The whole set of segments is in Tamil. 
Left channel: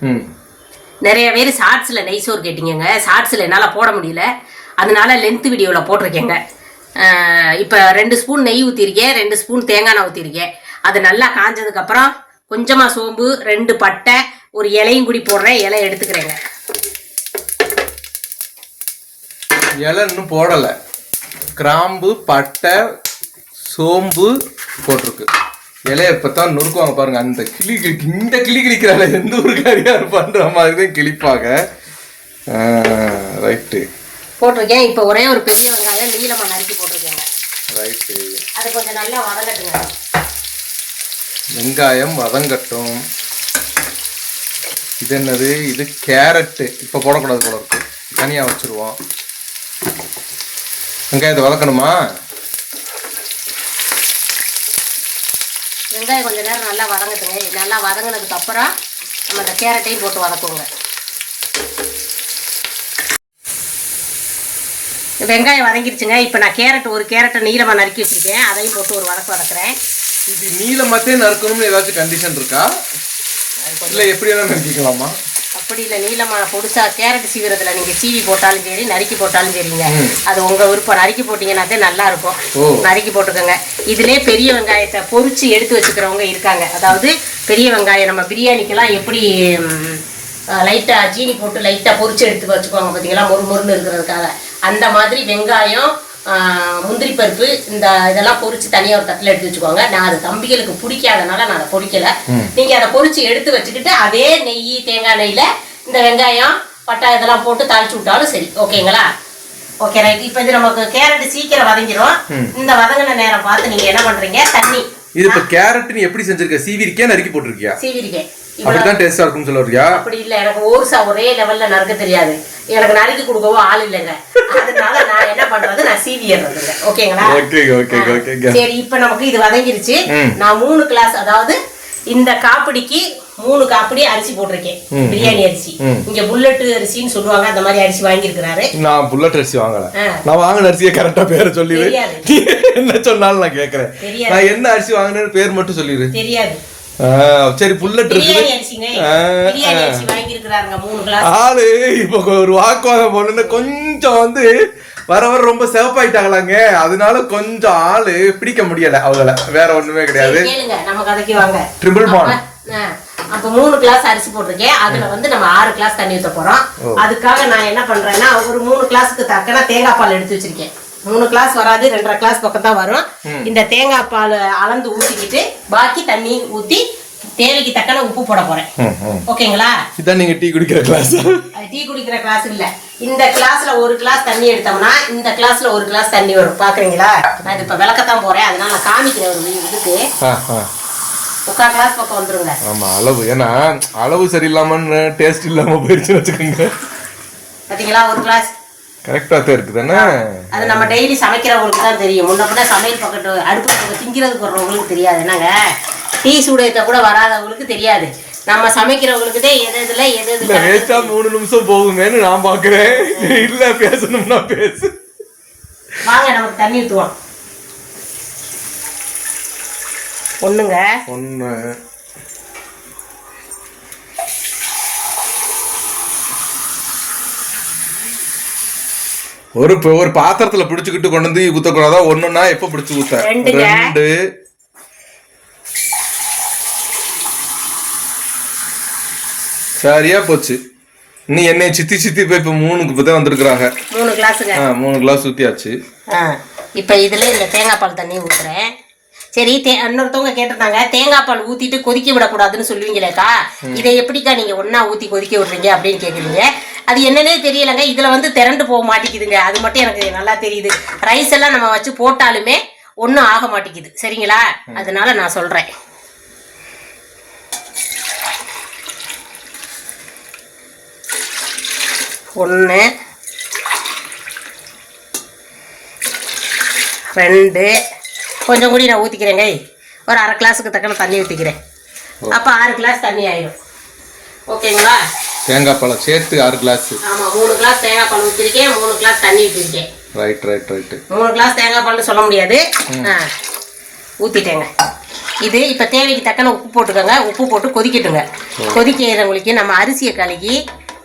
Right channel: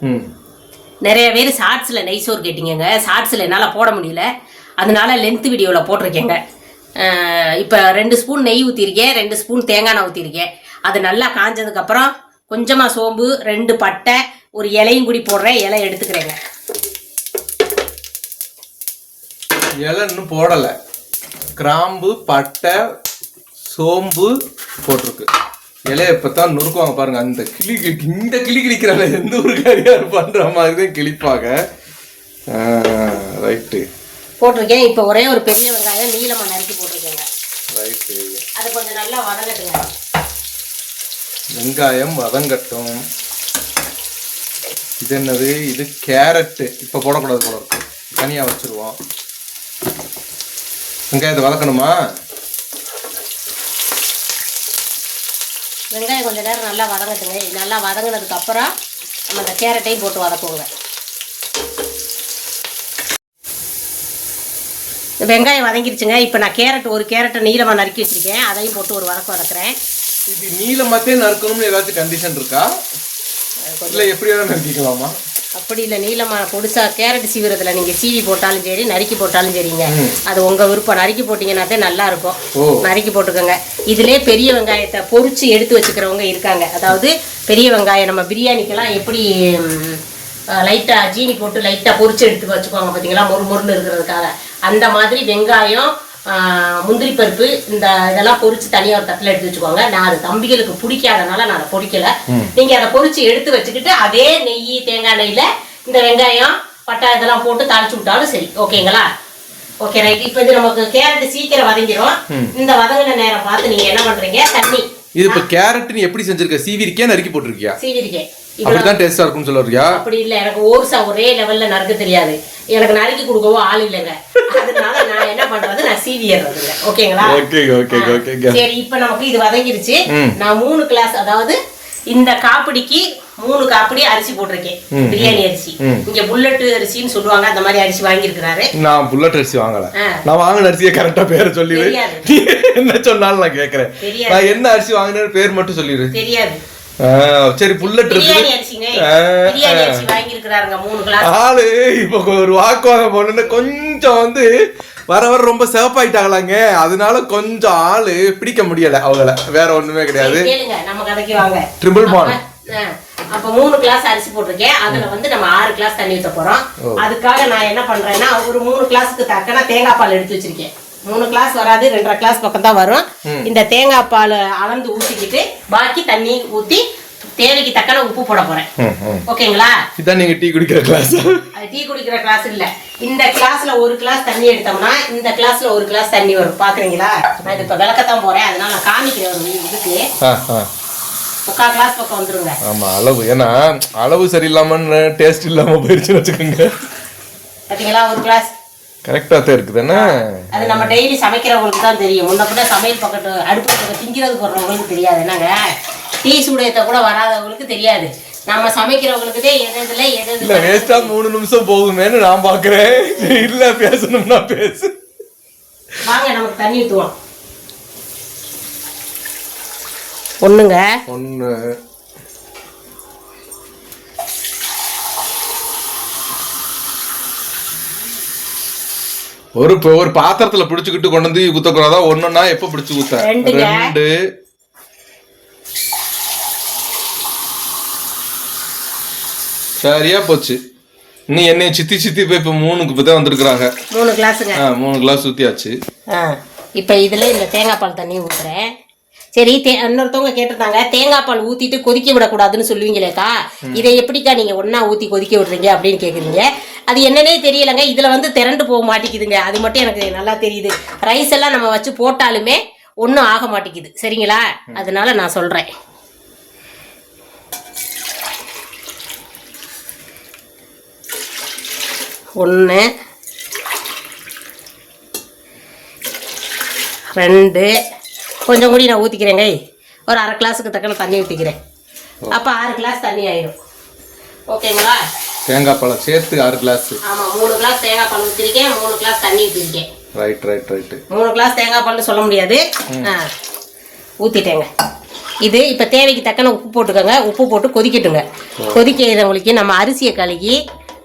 ம். நிறைய பேர் ஷார்ட்ஸில் நெய் சோறு கேட்டீங்கங்க. ஷார்ட்ஸில் என்னால் போட முடியல. அதனால லென்த் வீடியோவில் போட்டிருக்கேங்க. இப்போ ரெண்டு ஸ்பூன் நெய் ஊற்றிருக்கேன் ரெண்டு ஸ்பூன் தேங்காய் எண்ணெய் ஊற்றிருக்கேன் அது நல்லா காஞ்சதுக்கப்புறம் கொஞ்சமாக சோம்பு ரெண்டு பட்டை ஒரு இலையும் கூடி போடுறேன். இலை எடுத்துக்கிறேங்க. இலை இன்னும் போடலை. கிராம்பு பட்டை சோம்பு போட்டிருக்கு. இலைய இப்போ தான் நொறுக்குவாங்க பாருங்க. அந்த கிளி கிளி- இந்த கிளி கிளிக்கிறாள் எந்த ஒரு காரியம் பண்ற மாதிரி தான் கிளிப்பாங்க ரைட்டு போட்டிருக்கேன். இப்போ ஒரே ஒரு பெரிய வெங்காயம் நீளமாக நறுக்கி போட்டிருக்கேங்க. ரைட்டு அது கொஞ்சம் நல்லா வதங்கட்டுங்க. வெங்காயம் வதங்கட்டும். இது என்னது? இது கேரட்டு. இப்போ போடக்கூடாது போல இருக்கு. தனியாக வச்சுருவோம். வெங்காயத்தை வதக்கணுமா? வெங்காயம் கொஞ்சம் நேரம் நல்லா வதங்கட்டுங்க நல்லா வதங்கினதுக்கு அப்புறம் நம்ம இந்த கேரட்டையும் போட்டு வதக்குங்க வெங்காயம் வதங்கிருச்சுங்க. இப்போ நான் கேரட் ஒரு கேரட்டை நீளமாக நறுக்கி வச்சிருக்கேன். அதையும் போட்டு ஒரு வதக்கு வதக்குறேன். இது நீளமாத்தே நறுக்கணும்னு ஏதாச்சும் கண்டிஷன் இருக்கா? இல்லை எப்படி வேணாலும் நறுக்கிக்கலாமா? அப்படி இல்லை நீளமாக பொடிசா கேரட் சீவிரத்தில் நீங்கள் சீவி போட்டாலும் சரி நறுக்கி போட்டாலும் சரிங்க. அது உங்கள் விருப்பம். நறுக்கி போட்டிங்கன்னாதே நல்லா இருக்கும். நறுக்கி போட்டுக்கோங்க. இதுலேயே பெரிய வெங்காயத்தை பொரிச்சு எடுத்து வச்சுக்கிறவங்க இருக்காங்க. அதாவது பெரிய வெங்காயம் நம்ம பிரியாணிக்கெல்லாம் எப்படி லைட்டாக ஜீனி போட்டு லைட்டாக பொரிச்சு எடுத்து வச்சுக்குவாங்க பார்த்தீங்களா மொறு மொறுன்னு இருக்கிறதுக்காக. அந்த மாதிரி வெங்காயம் முந்திரி பருப்பு இந்த இதெல்லாம் பொரிச்சு தனியாக ஒரு தட்டில் எடுத்து வச்சுக்கோங்க நான் அது தம்பிகளுக்கு பிடிக்காதனால நான் அதை பொரிக்கல. நீங்கள் அதை பொரிச்சு எடுத்து வச்சுக்கிட்டு அதே நெய் தேங்காய் நெய்யில் இந்த வெங்காயம் பட்டை இதெல்லாம் போட்டு தாளிச்சு விட்டாலும் சரி. ஓகேங்களா? Okay right. இப்போ இது நமக்கு கேரட் சீக்கிரம் வதங்கிரும். இந்த வதங்கின நேரம் பார்த்து நீங்க என்ன பண்றீங்க? தண்ணி. இது இப்போ கேரட் நீ எப்படி செஞ்சிருக்க? சீவிரிக்கே நறுக்கி போட்டிருக்கியா? சீவிரிக்கேன் அப்படித்தான் டேஸ்டா இருக்கும்னு சொல்ல வரியா அப்படி இல்ல எனக்கு ஓர்சா ஒரே லெவல்ல நறுக்க தெரியாது. எனக்கு நறுக்கி கொடுக்கவும் ஆள் இல்லைங்க. அதனால நான் என்ன பண்றது? நான் சீவிடுறதுங்க ஓகேங்களா? ஓகே ஓகே ஓகே சரி இப்போ நமக்கு இது வதங்கிருச்சு. நான் மூணு கிளாஸ் அதாவது இந்த காப்பிடிக்கு மூணு காப்பிடி அரிசி போட்டிருக்கேன். பிரியாணி அரிசி. இங்க புல்லட் அரிசின்னு சொல்லுவாங்க. அந்த மாதிரி அரிசி வாங்கியிருக்கிறாரு. நான் புல்லட் அரிசி வாங்கல. நான் வாங்கின அரிசியை கரெக்டா பேரை சொல்லிடு. என்ன சொன்னாலும் நான் கேக்குறேன். நான் என்ன அரிசி வாங்கினேன்னு பேர் மட்டும் சொல்லிடு. தெரியாது. சரி புல்லட் இருக்குது. ஆளு இப்போ ஒரு வாக்குவாதம் போனோன்னு கொஞ்சம் வந்து வர வர ரொம்ப சிவப்பாயிட்டாங்களாங்க. அதனால கொஞ்சம் ஆளு பிடிக்க முடியல அவங்கள. வேற ஒண்ணுமே கிடையாது. ட்ரிபிள் பான் அப்ப மூணு கிளாஸ் அரிசி போட்டிருக்கேன். அதுல வந்து நம்ம ஆறு கிளாஸ் தண்ணி ஊத்த போறோம். அதுக்காக நான் என்ன பண்றேன்னா ஒரு மூணு கிளாஸுக்கு தக்கன தேங்காய் பால் எடுத்து வச்சிருக்கேன். மூணு கிளாஸ் வராது ரெண்டரை கிளாஸ் பக்கம் தான் வரும். இந்த தேங்காய் பால் அளந்து ஊத்திக்கிட்டு பாக்கி தண்ணி ஊத்தி தேவைக்கு தக்கன உப்பு போட போறேன். ஓகேங்களா? இதான் நீங்க டீ குடிக்கிற கிளாஸ் டீ குடிக்கிற கிளாஸ் இல்ல. இந்த கிளாஸ்ல ஒரு கிளாஸ் தண்ணி எடுத்தோம்னா இந்த கிளாஸ்ல ஒரு கிளாஸ் தண்ணி வரும். பாக்குறீங்களா? நான் இது இப்ப விளக்கத்தான் போறேன். அதனால நான் காமிக்கிறேன் ஒரு இதுக்கு. முக்கால் கிளாஸ் பக்கம் வந்துருங்க. ஆமா அளவு. ஏன்னா அளவு சரியில்லாமன்னு டேஸ்ட் இல்லாம போயிருச்சுன்னு வச்சுக்கோங்க. பாத்தீங்களா? ஒரு கிளாஸ் கரெக்டா தான் இருக்குதானே அது நம்ம டெய்லி சமைக்கிறவங்களுக்கு தான் தெரியும். முன்ன பின்ன சமையல் பக்கத்து அடுப்பு பக்கம் திங்கிறதுக்கு வர்றவங்களுக்கு தெரியாது. என்னங்க? டீ சூடயத்தை கூட வராதவங்களுக்கு தெரியாது. நம்ம சமைக்கிறவங்களுக்கு தான் எது எதுல எது இல்ல வேஸ்டா மூணு நிமிஷம் போகுமேன்னு நான் பாக்குறேன். இல்ல பேசணும்னா பேசு. வாங்க நமக்கு தண்ணி ஊற்றுவோம் ஒண்ணுங்க. ஒண்ணு. ஒரு ஒரு பாத்திரத்துல பிடிச்சுக்கிட்டு கொண்டு வந்து ஊத்தக்கூடாதா ஒண்ணுன்னா எப்ப பிடிச்சு ஊத்த. ரெண்டு. சரியா போச்சு. நீ என்னை சித்தி சித்தி போய் இப்ப மூணுக்கு இப்ப தான் வந்திருக்கிறாங்க. மூணு கிளாஸுங்க. ஆ, மூணு கிளாஸ் ஊத்தியாச்சு. ஆ இப்போ இதில் இந்த தேங்காய் பால் தண்ணி ஊற்றுறேன் சரி தே இன்னொருத்தவங்க கேட்டிருந்தாங்க தேங்காய் பால் ஊற்றிட்டு கொதிக்க விடக்கூடாதுன்னு சொல்லுவீங்களேக்கா. இதை எப்படிக்கா நீங்கள் ஒன்றா ஊற்றி கொதிக்க விடுறீங்க அப்படின்னு கேட்குறீங்க அது என்னன்னே தெரியலைங்க. இதில் வந்து திரண்டு போக மாட்டேங்குதுங்க. அது மட்டும் எனக்கு நல்லா தெரியுது. ரைஸ் எல்லாம் நம்ம வச்சு போட்டாலுமே ஒன்றும் ஆக மாட்டேங்குது. சரிங்களா? அதனால நான் சொல்கிறேன் ஒன்று ரெண்டு. கொஞ்சம் கூடி நான் ஊற்றிக்கிறேங்க ஒரு அரை கிளாஸுக்கு தக்கன தண்ணி ஊற்றிக்கிறேன் அப்போ ஆறு கிளாஸ் தண்ணி ஆயிடும் ஓகேங்களா? தேங்காய் பழம் சேர்த்து ஆறு கிளாஸ் ஆமாம் மூணு கிளாஸ் தேங்காய் பால் ஊற்றிருக்கேன் மூணு கிளாஸ் தண்ணி ஊற்றிருக்கேன் ரைட் ரைட் ரைட்டு மூணு கிளாஸ் தேங்காய் பால்னு சொல்ல முடியாது. ஊற்றிட்டேங்க இது இப்போ தேவைக்கு தக்கன உப்பு போட்டுக்கோங்க. உப்பு போட்டு கொதிக்கட்டுங்க. கொதிக்கிறவங்களுக்கு நம்ம அரிசியை கழுகி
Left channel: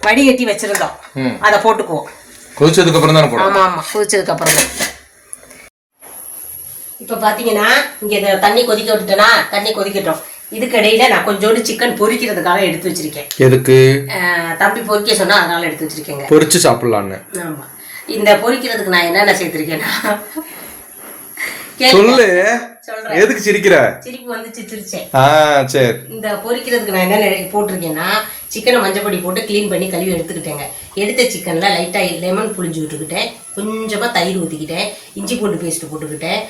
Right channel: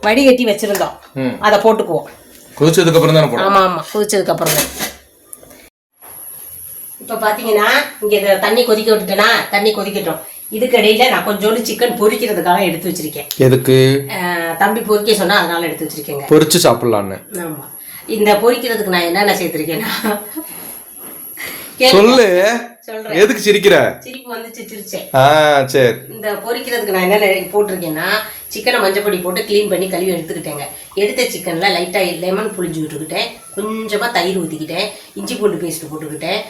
வடிகட்டி வச்சிருந்தோம். அதை போட்டுக்குவோம். கொதிச்சதுக்கு அப்புறம் தானே போடும் ஆமா ஆமா. கொதிச்சதுக்கு அப்புறம் தான். இப்போ பார்த்தீங்கன்னா இங்கே தண்ணி கொதிக்க விட்டுட்டேனா? தண்ணி கொதிக்கட்டும். இதுக்கு இடையில நான் கொஞ்சோண்டு சிக்கன் பொரிக்கிறதுக்காக எடுத்து வச்சிருக்கேன். எதுக்கு? தம்பி பொரிக்க சொன்னா அதனால எடுத்து வச்சிருக்கேங்க. பொரிச்சு சாப்பிடலான்னு. ஆமா. இந்த பொரிக்கிறதுக்கு நான் என்னென்ன சேர்த்திருக்கேன்னா. சொல்லு. எதுக்கு சிரிக்கிற? சிரிப்பு வந்துச்சு சிரிச்சேன் ஆ சரி. இந்த பொரிக்கிறதுக்கு நான் என்ன போட்டிருக்கேன்னா சிக்கனை மஞ்சப்பொடி போட்டு க்ளீன் பண்ணி கழுவி எடுத்துக்கிட்டேங்க. எடுத்த சிக்கனில் லைட்டாக லெமன் புளிஞ்சு விட்டுக்கிட்டேன். கொஞ்சமாக தயிர் ஊற்றிக்கிட்டேன் இஞ்சி பூண்டு பேஸ்ட் போட்டுக்கிட்டேன்.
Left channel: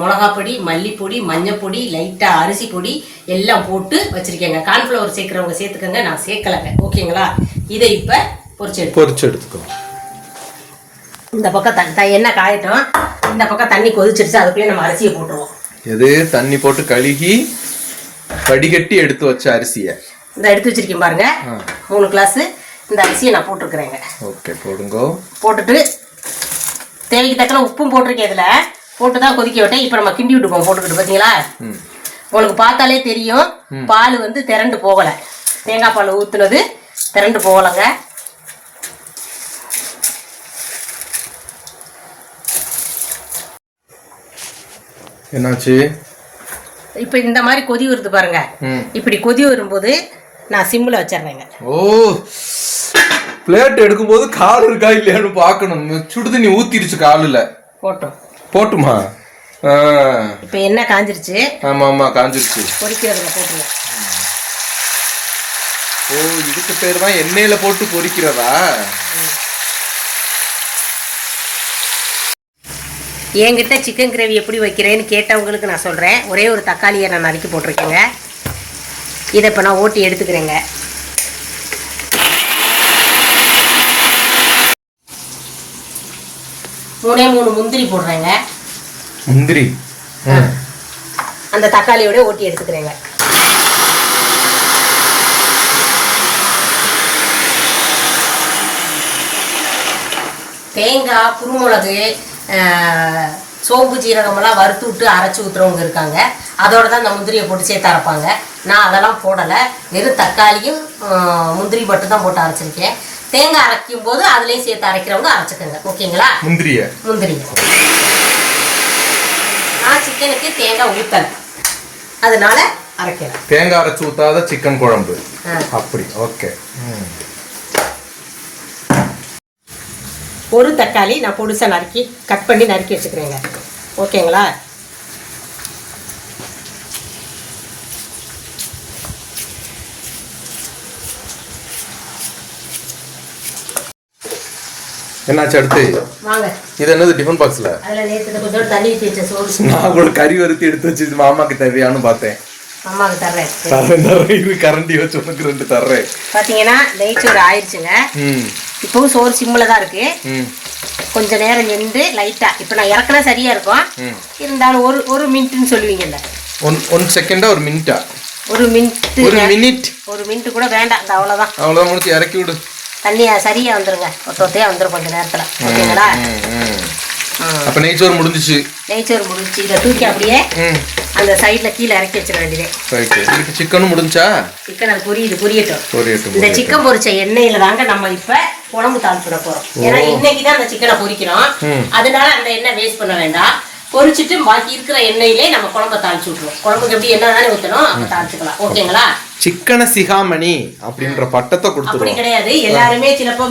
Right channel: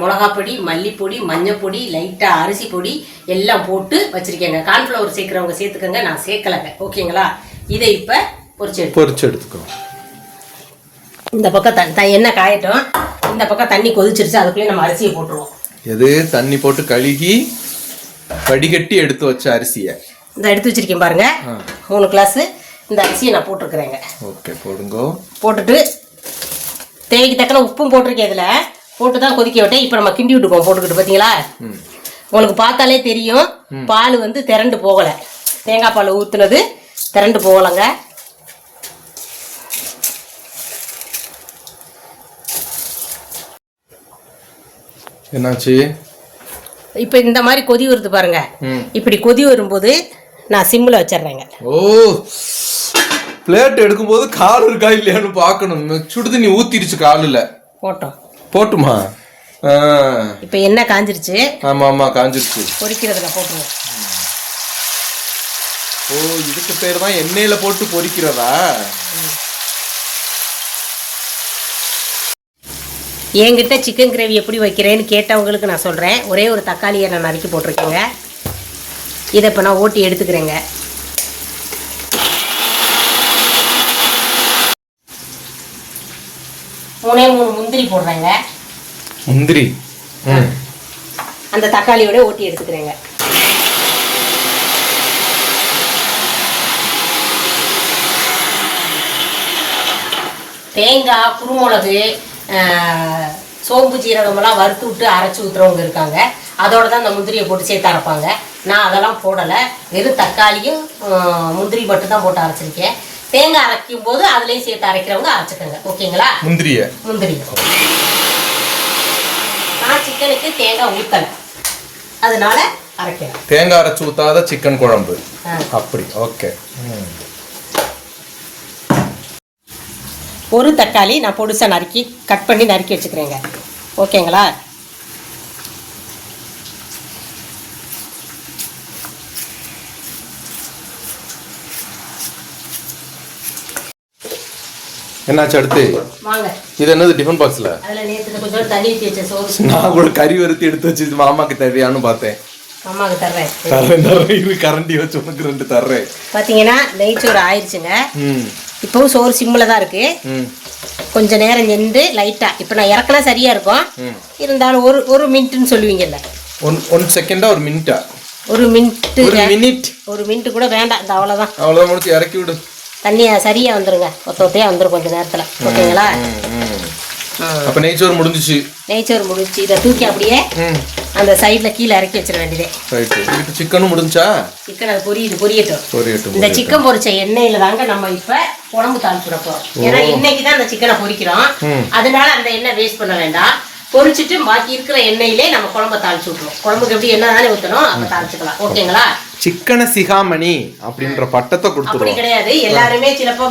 மிளகாப்பொடி மல்லிப்பொடி மஞ்சப்பொடி லைட்டாக அரிசி பொடி எல்லாம் போட்டு வச்சுருக்கேங்க. கார்ன்ஃப்ளவர் சேர்க்குறவங்க சேர்த்துக்கங்க நான் சேர்க்கலைங்க. ஓகேங்களா இதை இப்போ பொரிச்சு பொரிச்சு எடுத்துக்கோ. இந்த பக்கம் த எண்ணெய் காயட்டும். இந்த பக்கம் தண்ணி கொதிச்சிருச்சு அதுக்குள்ளே நம்ம அரிசியை போட்டுருவோம். எது? தண்ணி போட்டு கழுகி வடிகட்டி எடுத்து வச்ச அரிசியை. இந்த எடுத்து வச்சிருக்கேன் பாருங்க. மூணு கிளாஸ் இந்த அரிசியை நான் போட்டிருக்கிறேங்க. ஓகே போடுங்கோ. போட்டுட்டு தேவைக்கு தக்கன உப்பும் போட்டிருக்கேன் இதில். போட்டு தான் கொதிக்க விட்டேன். இப்போ நம்ம கிண்டி விட்டுக்குவோம் போட்டுக்கிட்டு. பார்த்தீங்களா உங்களுக்கு பார்த்தாலே தெரியும். பால் வந்து திரண்டு போகலை. தேங்காய் பால் ஊற்றுனது திரண்டு போகலைங்க. என்னாச்சு? இப்போ இந்த மாதிரி கொதி வருது பாருங்க. இப்படி கொதி வரும்போது நான் சிம்மில் வச்சிடுறேங்க. ஓ பிளேட் எடுக்கும்போது கால் இருக்கா இல்லையான்னு பார்க்கணும். சுடுதண்ணி ஊத்திருச்சு காலில். போட்டோம்? போட்டுமா இப்போ எண்ணெய் காஞ்சிருச்சு? ஆமா ஆமா காஞ்சிருச்சு. பொரிக்கிறதுல போட்டுருவோம் ஓ இதுக்கு பேர் தான் எண்ணெயில போட்டு பொரிக்கிறதா என்கிட்ட சிக்கன் கிரேவி எப்படி வைக்கிறேன்னு கேட்டவங்களுக்கு நான் சொல்கிறேன் ஒரே ஒரு தக்காளியை நான் நறுக்கி போட்டிருக்கேங்க. இதை இப்போ நான் ஓட்டி எடுத்துக்கிறேங்க. மூணே மூணு முந்திரி போடுறேங்க. முந்திரி. அந்த தக்காளியோட ஓட்டி எடுத்துக்கிறேங்க. தேங்காய் குருமிளகு சோம்பு ஜீரகமெல்லாம் வறுத்து விட்டு அரைச்சி ஊற்றுறவங்க இருக்காங்க. அதோட தான் இந்த முந்திரியை போட்டு சேர்த்து அரைப்பாங்க. நான் அதெல்லாம் போடலை. வெறும் தக்காளியும் முந்திரி மட்டும் தான் போட்டு அரைச்சிருக்கேன் தேங்காய் அரைக்கும் போது அதுலேயும் சேர்த்து அரைக்கிறவங்க அரைச்சிக்கோங்க. ஓகேங்களா? முந்திரிய. முந்திரி நான் சிக்கனுக்கு தேங்காய் ஊற்றலை அதனால அரைக்கிறேன் தேங்காய் அரைச்சு ஊத்தாத சிக்கன் குழம்பு. அப்படி. ஓகே. ஒரு தக்காளி நான் பொடிசா நறுக்கி கட் பண்ணி நறுக்கி வச்சுக்கிறேங்க. ஓகேங்களா? என்னாச்சு அடுத்து? இது என்னது டிஃபன் பாக்ஸ்ல நான் கூட கறி வறுத்து எடுத்து வச்சு மாமாக்கு தேவையான்னு பார்த்தேன். கரண்டி வச்சு உனக்கு ரெண்டு தர்றேன். பார்த்தீங்கன்னா நெய் சோறு ஆயிடுச்சுங்க இப்போவும் சோறு சிம்மில் தான் இருக்குது ம். கொஞ்ச நேரம் நின்று லைட்டாக இப்போ நான் இறக்குனா சரியாக இருக்கும். இருந்தாலும் ஒரு ஒரு மினிட்னு சொல்லுவீங்கல்ல. ஒன் ஒன் செகண்டா ஒரு மினிட்டா ஒரு மினிட்டு ஒரு மினிட் ஒரு மினிட்டு கூட வேண்டாம். இந்த அவ்வளோதான் அவ்வளோதான் முடிச்சு இறக்கி விடு. தண்ணியா சரியாக வந்துருங்க. ஒத்த ஒத்தையாக வந்துடும் கொஞ்ச நேரத்தில். ஓகேங்களா. அப்ப நெய்ச்சோறு முடிஞ்சிச்சு. நெய்ச்சோறு முடிச்சு இதை தூக்கி அப்படியே அந்த சைடில் கீழே இறக்கி வச்சிட வேண்டியதே ரைட்டு இதுக்கு சிக்கனும் முடிஞ்சா? சிக்கன் அது பொரியுது பொரியட்டும். பொரியட்டும் இந்த சிக்கன் பொரிச்ச எண்ணெயில தாங்க நம்ம இப்ப குழம்பு தாளிச்சுட போறோம். ஏன்னா இன்னைக்கு தான் அந்த சிக்கனை பொரிக்கிறோம். அதனால அந்த எண்ணெய் வேஸ்ட் பண்ண வேண்டாம். பொரிச்சிட்டு பாக்கி இருக்கிற எண்ணெயிலே நம்ம குழம்ப தாளிச்சு விட்டுருவோம். குழம்புக்கு எப்படி எண்ணெய் தானே ஊற்றணும் அப்ப தாளிச்சுக்கலாம். ஓகேங்களா? சிக்கனை சிகாமணி அப்படின்ற பட்டத்தை கொடுத்துருவோம். கிடையாது. எல்லாருமே சிலப்போ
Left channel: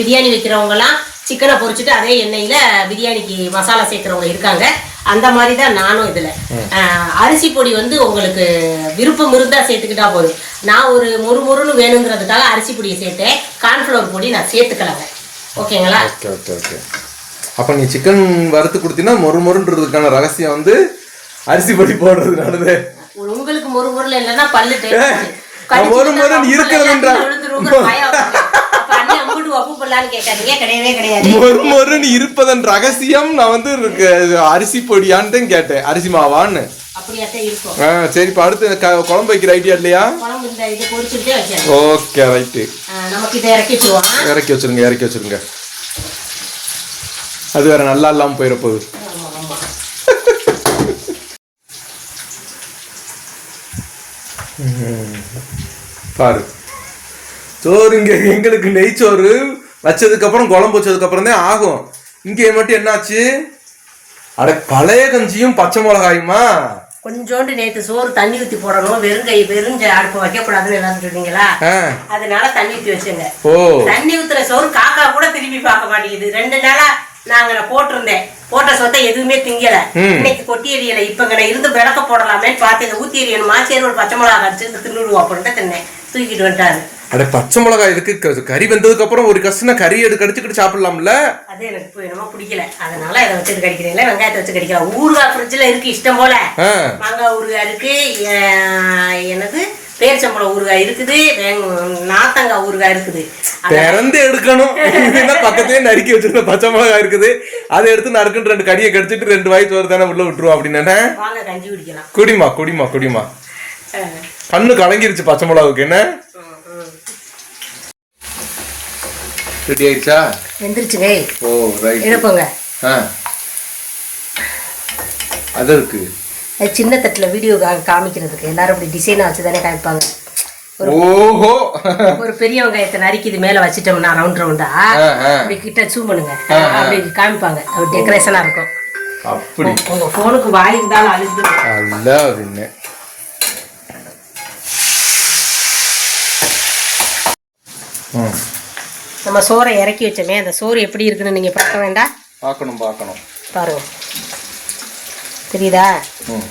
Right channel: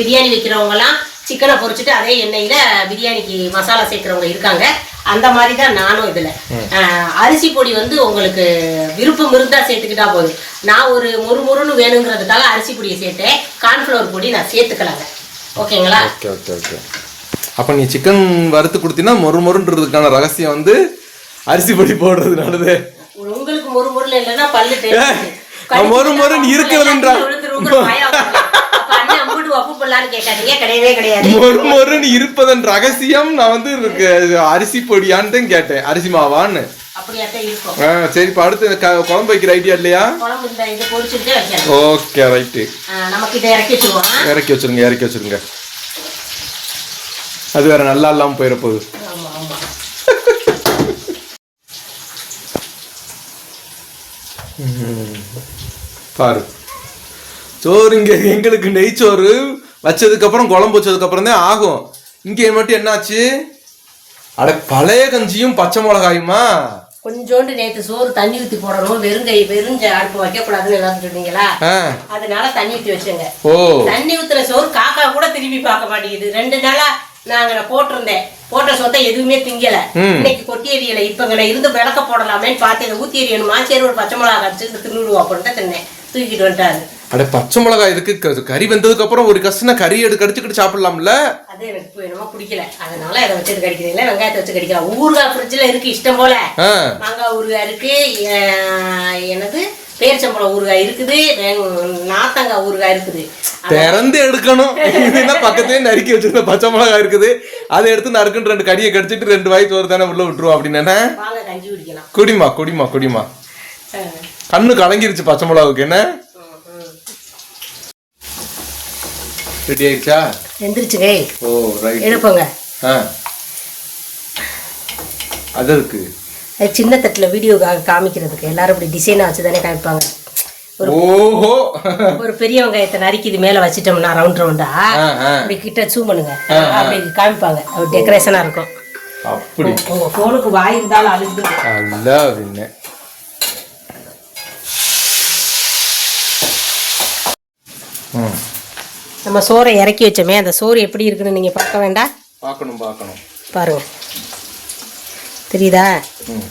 பிரியாணி வைக்கிறவங்க எல்லாம் சிக்கனை பொரிச்சிட்டு அதே எண்ணெயில பிரியாணிக்கு மசாலா சேர்க்கிறவங்க இருக்காங்க. அந்த மாதிரி தான் நானும் இதுல. அரிசி பொடி வந்து உங்களுக்கு விருப்பம் இருந்தா சேர்த்துக்கிட்டா போதும். நான் ஒரு மொறு மொறுன்னு வேணுங்கிறதுக்காக அரிசி பொடியை சேர்த்தேன். கார்ன்ஃப்ளவர் பொடி நான் சேர்த்துக்கலாங்க. ஓகேங்களா? Okay okay okay. அப்ப நீ சிக்கன் வறுத்து கொடுத்தீங்கன்னா மொறு மொறுன்றதுக்கான ரகசியம் வந்து அரிசி பொடி போடுறதுனாலதே. உங்களுக்கு மொறு மொறுல இல்லைன்னா பல்லு மொறு மொறுன்னு இருக்கிறதுன்றா. அப்பு பண்ணலான்னு கேட்காதீங்க. கிடையவே கிடையாது. மொறு மொறுன்னு இருப்பதன் ரகசியம் நான் வந்து அரிசி பொடியான்னு கேட்டேன். அரிசி மாவான்னு. அப்படியாத்தான் இருக்கும் ஆ சரி இப்போ அடுத்து குழம்பு வைக்கிற ஐடியா இல்லையா? ஓகே ரைட்டு இறக்கி வச்சிருங்க இறக்கி வச்சிருங்க. அது வேற நல்லா இல்லாம போயிட போகுது. பாரு. சோறு இங்க எங்களுக்கு நெய்ச்சோறு வச்சதுக்கு அப்புறம் குழம்பு வச்சதுக்கு அப்புறம் தான் ஆகும். இங்க மட்டும் என்னாச்சு? அட பழைய கஞ்சியும் பச்சை மிளகாயுமா? கொஞ்சோண்டு நேத்து சோறு தண்ணி ஊத்தி போடணும். வெறும் கை வெறும் அடுப்பு வைக்கக்கூடாதுன்னு எல்லாரும் சொன்னீங்களா அதனால தண்ணி ஊத்தி வச்சுங்க. ஓ. தண்ணி ஊத்துற சோறு காக்கா கூட திரும்பி பார்க்க மாட்டேங்குது. ரெண்டு நாளா நாங்க போட்டிருந்தேன். போட்ட சொத்தை எதுவுமே திங்கல. இன்னைக்கு கொட்டி எரியல இப்ப நான் இருந்து விளக்க போடலாமேன்னு பார்த்து இதை ஊத்தி எரியணுமா சரி ஒரு பச்சை மிளகா கடிச்சு தின்னுடுவோம் அப்படின்ட்டு தின்னேன் தூக்கிட்டு வந்துட்டாரு. அட பச்சை மிளகாய் இதுக்கு கறி வெந்ததுக்கு அப்புறம் ஒரு கஷ்டம் கறி எடுத்து கடிச்சுக்கிட்டு சாப்பிடலாம்ல? அது எனக்கு என்னமோ பிடிக்கல. அதனால இதை வச்சுட்டு கடிக்கிறீங்களா வெங்காயத்தை வச்சு கடிக்கலாம் ஊறுகாய் ஃப்ரிட்ஜில் இருக்கு இஷ்டம் போல. மாங்காய் ஊறுகாய் இருக்கு என்னது? பேரிச்சம்பழம் ஊறுகாய் இருக்குது நாத்தங்காய் ஊறுகாய் இருக்குது. திறந்து எடுக்கணும். இது என்ன பக்கத்துலயே நறுக்கி வச்சிருந்த பச்சை மிளகாய் இருக்குது. அதை எடுத்து நறுக்குன்னு ரெண்டு கடியை கடிச்சிட்டு ரெண்டு வாய் சோறு தானே உள்ள விட்டுருவோம் அப்படின்னு வாங்க கஞ்சி குடிக்கலாம். குடிமா குடிமா குடிமா கண்ணு கலங்கிருச்சு பச்சை மிளகாவுக்கு என்ன ம், ம். ரெடி ஆயிடுச்சா எந்திரிச்சுங்க ஓ ரைட் எழுப்புங்க ஆ. அது இருக்கு. சின்ன தட்டில் வீடியோ காமிக்கிறதுக்கு. எல்லாரும் இப்படி டிசைனாக வச்சு தானே காமிப்பாங்க ஓஹோ. ஒரு பெரிய வெங்காயத்தை நறுக்கி இது மேலே வச்சிட்டோம்னா ரவுண்ட் ரவுண்டா. அப்படி கிட்ட ஜூம் பண்ணுங்க. அப்படி காமிப்பாங்க. அப்படி டெக்கரேஷனாக இருக்கும். அப்படி. உங்க ஃபோனுக்கு வாய்க்கு தான் அழுகுது அல்ல அப்படின்னு ம். நம்ம சோறை இறக்கி வச்சோமே அந்த சோறு எப்படி இருக்குன்னு நீங்கள் பார்க்க வேண்டாம்? பார்க்கணும் பார்க்கணும். பாருங்க. தெரியுதா? ம்.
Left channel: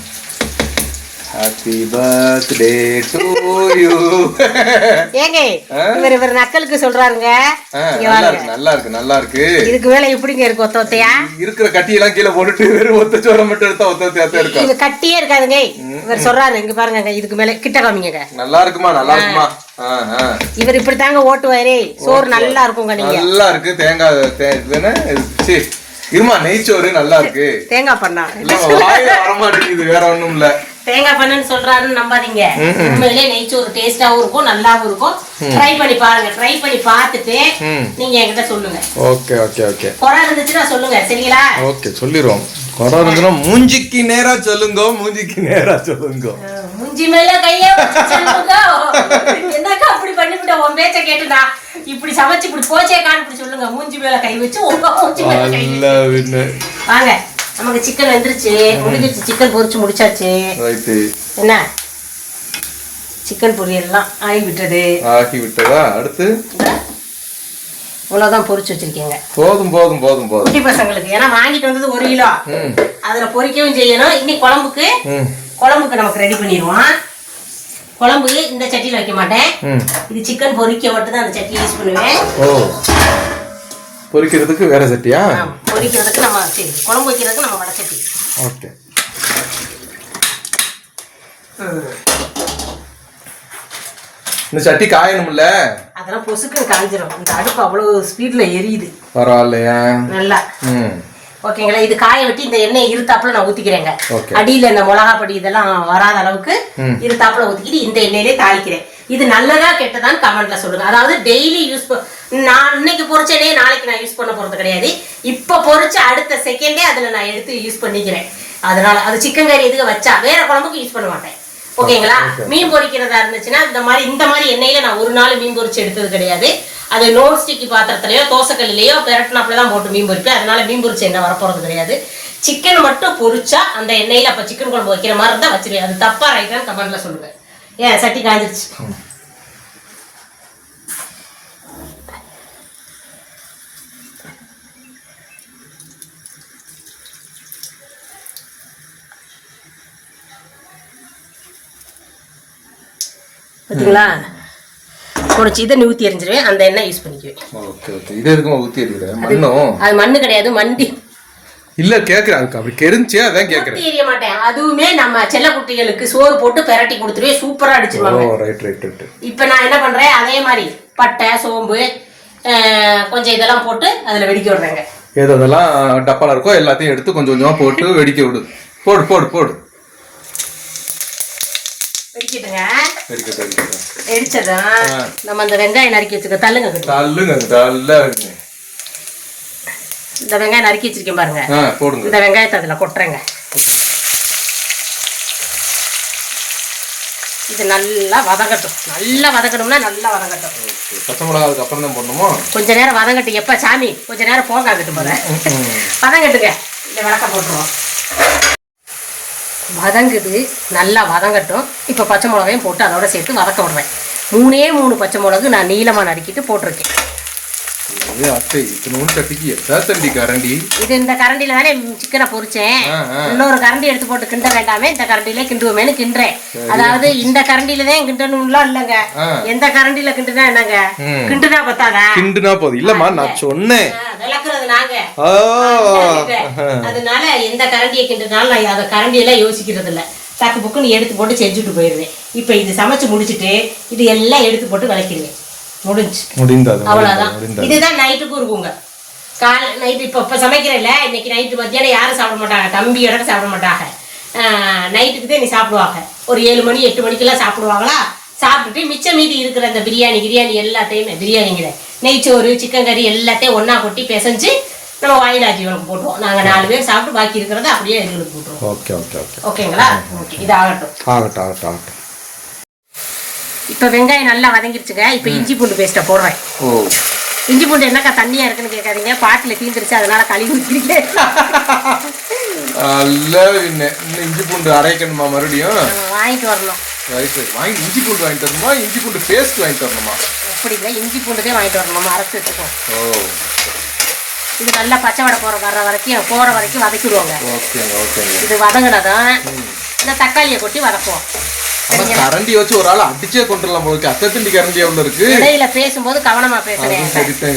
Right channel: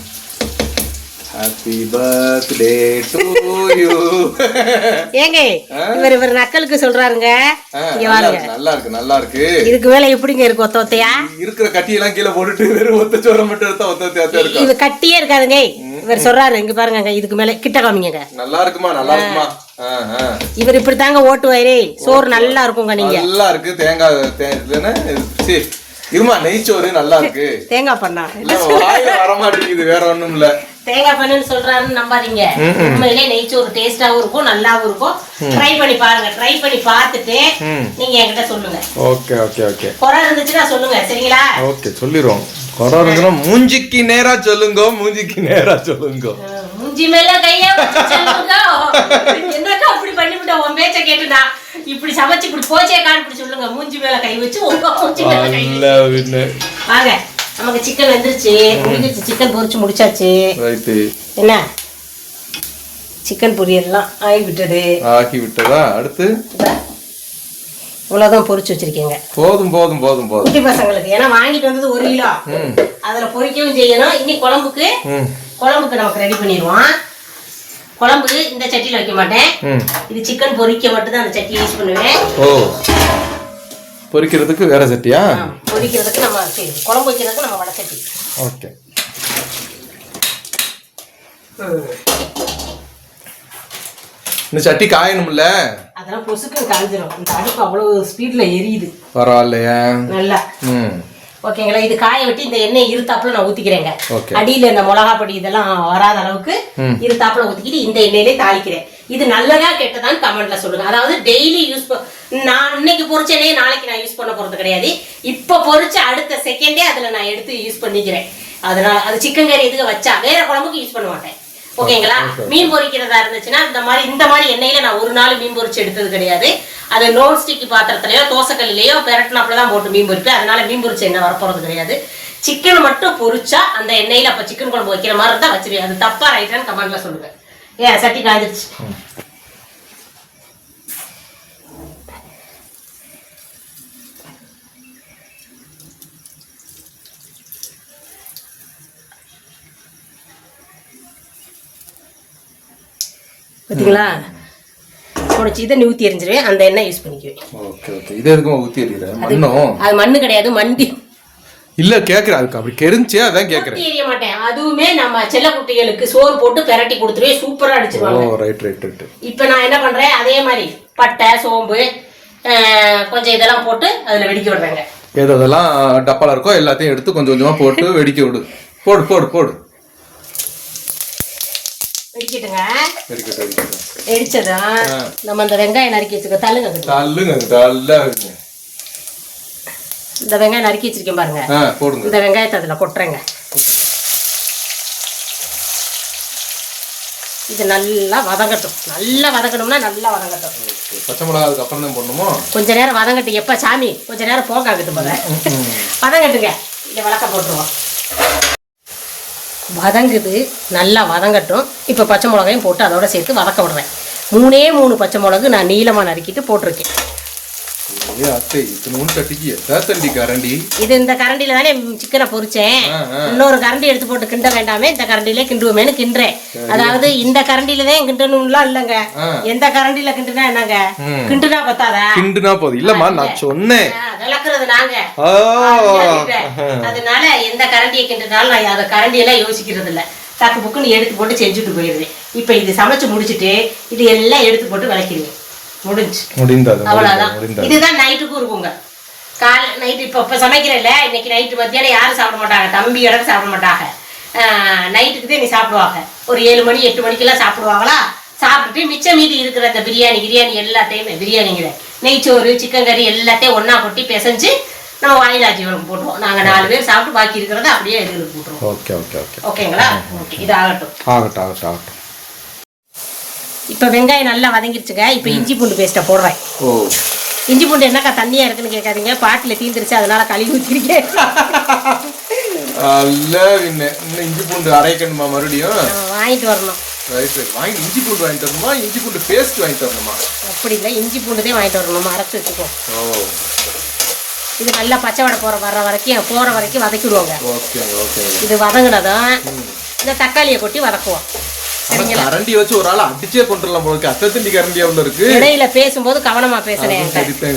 ஹாப்பி பர்த்டே டு யூ ஏங்க இவர் இவர் நக்கலுக்கு சொல்றாருங்க. நல்லா இருக்கு நல்லா இருக்கு இதுக்கு மேல எப்படிங்க இருக்கு ஒத்த ஒத்தையா? இருக்கிற கட்டியெல்லாம் கீழே போட்டுட்டு வெறும் ஒத்த சோறை மட்டும் எடுத்தா ஒத்த ஒத்தையா தான் இருக்கும் இது கட்டியே இருக்காதுங்க. இவர் சொல்றாரு இங்க பாருங்க இதுக்கு மேல கிட்ட காமிங்க நல்லா இருக்குமா நல்லா இருக்குமா. இவர் இப்படி தாங்க ஓட்டுவாரு. சோறு நல்லா இருக்குங்க நீங்க. நல்லா இருக்கு தேங்காய் சீ, இருமா நெய்ச்சோறு நல்லா இருக்கு. தேங்காய் பண்ணா. வர மாட்டேங்குது வேற ஒண்ணும் இல்ல தேங்காய் பண்ணுன்னு சொல்றாருன்னு நம்பாதீங்க. உண்மையிலே நெய்ச்சோறு டேஸ்டாவும் இருக்கும் நல்லாவும் இருக்கும். ட்ரை பண்ணி பாருங்க ட்ரை பண்ணி பார்த்துட்டு. நீங்க என்கிட்ட சொல்லுங்க. Okay okay okay. குறை இருந்துச்சுன்னா சொல்லுங்க சரிங்களா? ஓகே சொல்லிடுவோம் இருந்துச்சுன்னா மூஞ்சிக்கு நேரா சொல்லுங்க மூஞ்சிக்கு நேரா சொல்லுங்க. மூஞ்சி மேல கைய. என்னக்கா அப்படி பண்ணிவிட்ட? உன் பேச்ச கேட்டு நான் இப்படி சமைச்சு இப்படி போச்சே காண் இப்படி சொல்லுங்க. மூஞ்சி மேல கை வச்சு உங்க மூஞ்சி மேல கை வாங்க நமக்கு சிக்கன் வெந்துருச்சு. முடிஞ்சிருச்சு. சிக்கன் பொரிச்சு முடிச்சாச்சு. என்ன? சிக்கன் பொரியல்லாம் ஆகி விட்டது ஆக்கி விட்டதா அடுத்து இவ்வளவுதான் பொரிச்சு வச்சிருக்கீங்க. போதும் போதும் போதும் போதும். குட்டி பசங்களுக்கு. ஏன்னா வாங்கிட்டு வந்தது ஒரு கிலோ. ம். அதுல பொரிக்கவும் செய்யணும். இன்னைக்கு குழம்புக்கு குழம்புக்கு நமக்கு ரெடி பண்ணிடுவோம். குழம்பு இந்த சட்டியில் வைக்க மாட்டேன். ம். இது சிக்கன் பொரிக்க மட்டும் தான் அந்த சட்டி யூஸ் பண்ணுவேன். ஓ. பொரிக்கிறதுக்கு வேற சட்டியா? பொரிக்கிறதுக்கு நம்ம குழம்பு வைக்கிறதுக்கு நம்ம வடை சட்டி. ஓகே. இந்த சட்டி காயணும்ல? அதெல்லாம் பொசுக்குன்னு காஞ்சிரும். இந்த அடுப்பு அவ்வளோ ஸ்பீட்ல எரியுது. பரவாயில்லையா? நல்லா. ம். ஓகேங்களா இது காய வெட்டி இந்த எண்ணெய் இருத்தாப்புல நான் ஊத்திக்கிறேங்க. அடியில இந்த மிளகா பொடி இதெல்லாம் வராத அளவுக்கு இருத்தாப்புல ஊத்திக்கிட்டு இந்த எண்ணெயிலே தாளிக்கிறேன். இது நல்லதா கெட்டதான்னு கமெண்ட்ல சொல்லுங்க. அதாவது டெய்லி யூஸ் நான் இன்னைக்கு பொரிச்ச எண்ணெயை நாளைக்கு நான் யூஸ் பண்ண போறது கிடையாது. இப்ப பொரிச்ச அடுத்த செகண்டே அதுல நான் எடுத்து யூஸ் பண்ணிக்கிறேன். அதனால அது சிக்கன் கறி எதுக்கு வச்சா வேற குழம்புக்கு யூஸ் பண்ண மாட்டேன். ஓகேங்களா? மீன் பொரிக்கிறதா இருந்துச்சுன்னா இந்த மாதிரி இந்த மாதிரி எண்ணெயில நான் ஒரு நாள் மீன் பொரிச்சு எடுத்தது கிடையாது. அது நோன் ஸ்டிக் பாத்திரத்திலயோ தோசைக்கல்லையோ பெரட்டினாப்புல தான் போட்டு மீன் பொரிப்பேன் அதனால மீன் பொரிச்ச எண்ணெய் வரப்போறது கிடையாது. சிக்கன் மட்டும் பொரிச்சா அந்த எண்ணெயில அப்ப சிக்கன் குழம்பு வைக்கிற மாதிரி இருந்தா வச்சிருவேன். அது தப்பா ரைட்டான்னு கமெண்ட்ல சொல்லுவேன். ஏன் சட்டி காஞ்சிருச்சு. பார்த்தீங்களா உடச்சி இதை ஊற்றி எரிஞ்சிருவேன் அந்த எண்ணெய் யூஸ் பண்ணிக்குவேன் ஓகே ஓகே. இது எதுக்குமா ஊத்தி எறிகிற மண்ணும் அது மண்ணு கிடையாது மண்டி. இல்ல கேக்குறேன். அதுக்கு அப்படி கெரிஞ்சு அதான் கேக்குறேன். ஊத்தி எரிய மாட்டேன். அதுவுமே நம்ம செல்லக்குட்டிகளுக்கு சோறு போட்டு பெரட்டி கொடுத்துருவேன் சூப்பரா ஓ அடிச்சிருவாங்க ரைட் ரைட் ரைட் இப்போ நான் என்ன பண்றேன்? அதே மாதிரி பட்டை சோம்பு கொஞ்சம் இதெல்லாம் போட்டு அதுல வெடிக்க விடுறேங்க ஏதோ அதெல்லாம் டப்பால இருக்கோ எல்லாத்தையும் எடுத்து கொஞ்சம் கொஞ்சமா போட்டு வெடிக்க விடு. போடு போடு போடு. நம்ம அந்த வெங்காயம் நறுக்கி வச்சுக்க தள்ளுங்க கொஞ்சம். தள்ளுங்க தள்ள இந்த வெங்காயம் நறுக்கி வச்சிருக்கேன் பாருங்க. போடுங்க. இந்த வெங்காயத்தை அதுல கொட்டுறேங்க. இது நல்லா வதங்கட்டும். நல்லா வதங்கணும்னா நல்லா வதங்கட்டும். பச்சை மிளகா அதுக்கு அப்புறம் தான் போடணுமோ? கொஞ்ச நேரம் வதங்கட்டும். எப்போ சாமி? கொஞ்ச நேரம் போங்க அங்கிட்டு போல வதங்கட்டுங்க. இந்த விளக்க போட்டுருவோம். வதங்குது நல்லா வதங்கட்டும். இப்போ பச்சை மிளகாயும் போட்டு அதோட சேர்த்து வதக்க விடுறேன். மூணே மூணு பச்சை மிளகு நான் நீளமாக நறுக்கிட்டு போட்டிருக்கேன். இது அத்தை இத்தனூன்னு சட்டிக்கு எத்தா தண்டி கரண்டி? இது இந்த கரண்டில தானே சிக்கனை பொரிச்சேன். இன்னொரு கரண்டி எடுத்து போட்டு கிண்ட வேண்டாமே இந்த கரண்டிலே கிண்டுவோமேனு கிண்டுறேன். அதாவது இந்த கரண்டில தான் கிண்டணும்லாம் இல்லைங்க. எந்த கரண்டில கிண்டுனா என்னங்க. கிண்டுனா பத்தாதா? கிண்டுனா போதும். இல்லம்மா நான் சொன்னேன். விளக்குறது நாங்க. அதனால எந்த கரண்டியை கிண்டுனாலும் நான் அதை கரண்டியெல்லாம் யோசிக்கிறது இல்ல டக்கு புக்குன்னு எடுத்து போட்டு செஞ்சுட்டு போயிடுவேன். இப்போ இது சமைச்சு முடிச்சிட்டு இது எல்லாம் எடுத்து போட்டு விளக்கிடுவேன். முடிஞ்சு முடிந்தது இதுதான் நைட்டுக்கும் இருக்குங்க காலை நைட்டு இப்போ இப்போ சமைக்கிறேன்ல இன்னைக்கு நைட்டு மத்தியானம் யாரும் சாப்பிட மாட்டாங்க. தம்பி இடம் சாப்பிட மாட்டாங்க. நைட்டுக்கு தான் நீ சாப்பிடுவாங்க. ஒரு ஏழு மணி எட்டு மணிக்கெல்லாம் சாப்பிடுவாங்களா? சாப்பிட்டுட்டு மிச்சம் மீதி இருக்கிற அந்த பிரியாணி கிரியாணி எல்லாத்தையுமே பிரியாணிங்கிற நெய்ச்சோறு சிக்கன் கறி எல்லாத்தையும் ஒண்ணா கொட்டி பிசைஞ்சு நம்ம வாயிலா ஜீவனுக்கு போட்டுருவோம். நாங்கள் நாலு பேர் சாப்பிட்டு பாக்கி இருக்கிறத அப்படியே எங்களுக்கு போட்டுருவோம். Okay okay okay. ஓகேங்களா? ஓகே இது ஆகட்டும் ஆகட்டும் ஆகட்டும் ஆகட்டும். இப்போ வெங்காயம் நல்லா வதங்கிருச்சுங்க. இப்போ இஞ்சி பூண்டு பேஸ்ட்டை போடுறேன். இஞ்சி பூண்டு என்னக்கா தண்ணியா இருக்குன்னு கேட்காதீங்க. பாட்டில் தீந்துருச்சு அதனால கழுவி ஊற்றிருக்கேன் இன்னும் இஞ்சி பூண்டு அரைக்கணுமா மறுபடியும்? வாங்கிட்டு வரணும். ரைட் ரைட் வாங்கி இஞ்சி பூண்டு வாங்கிட்டு வரணுமா? இஞ்சி பூண்டு பேஸ்ட் வாங்கிட்டு வரணுமா? அப்படி இல்லை இஞ்சி பூண்டு தான் வாங்கிட்டு வரணும். அரைச்சி வச்சுக்கோ ஓ. இது நல்லா பச்சை வடை போகிற வர வரைக்கும் போகிற வரைக்கும் வதக்கிடுவோங்க. ஓகேங்க ஓகேங்க. இது வதங்கினதும் இந்த தக்காளியை கொட்டி வதக்குவோம். கரண்டி வச்சு ஒரு ஆள் அடிச்சே கொண்டுடலாம் போல இருக்கு. அத்தை திண்டி கரண்டி எவ்வளவு இருக்கு. இடையில பேசும்போது கவனமா பேசுறேன்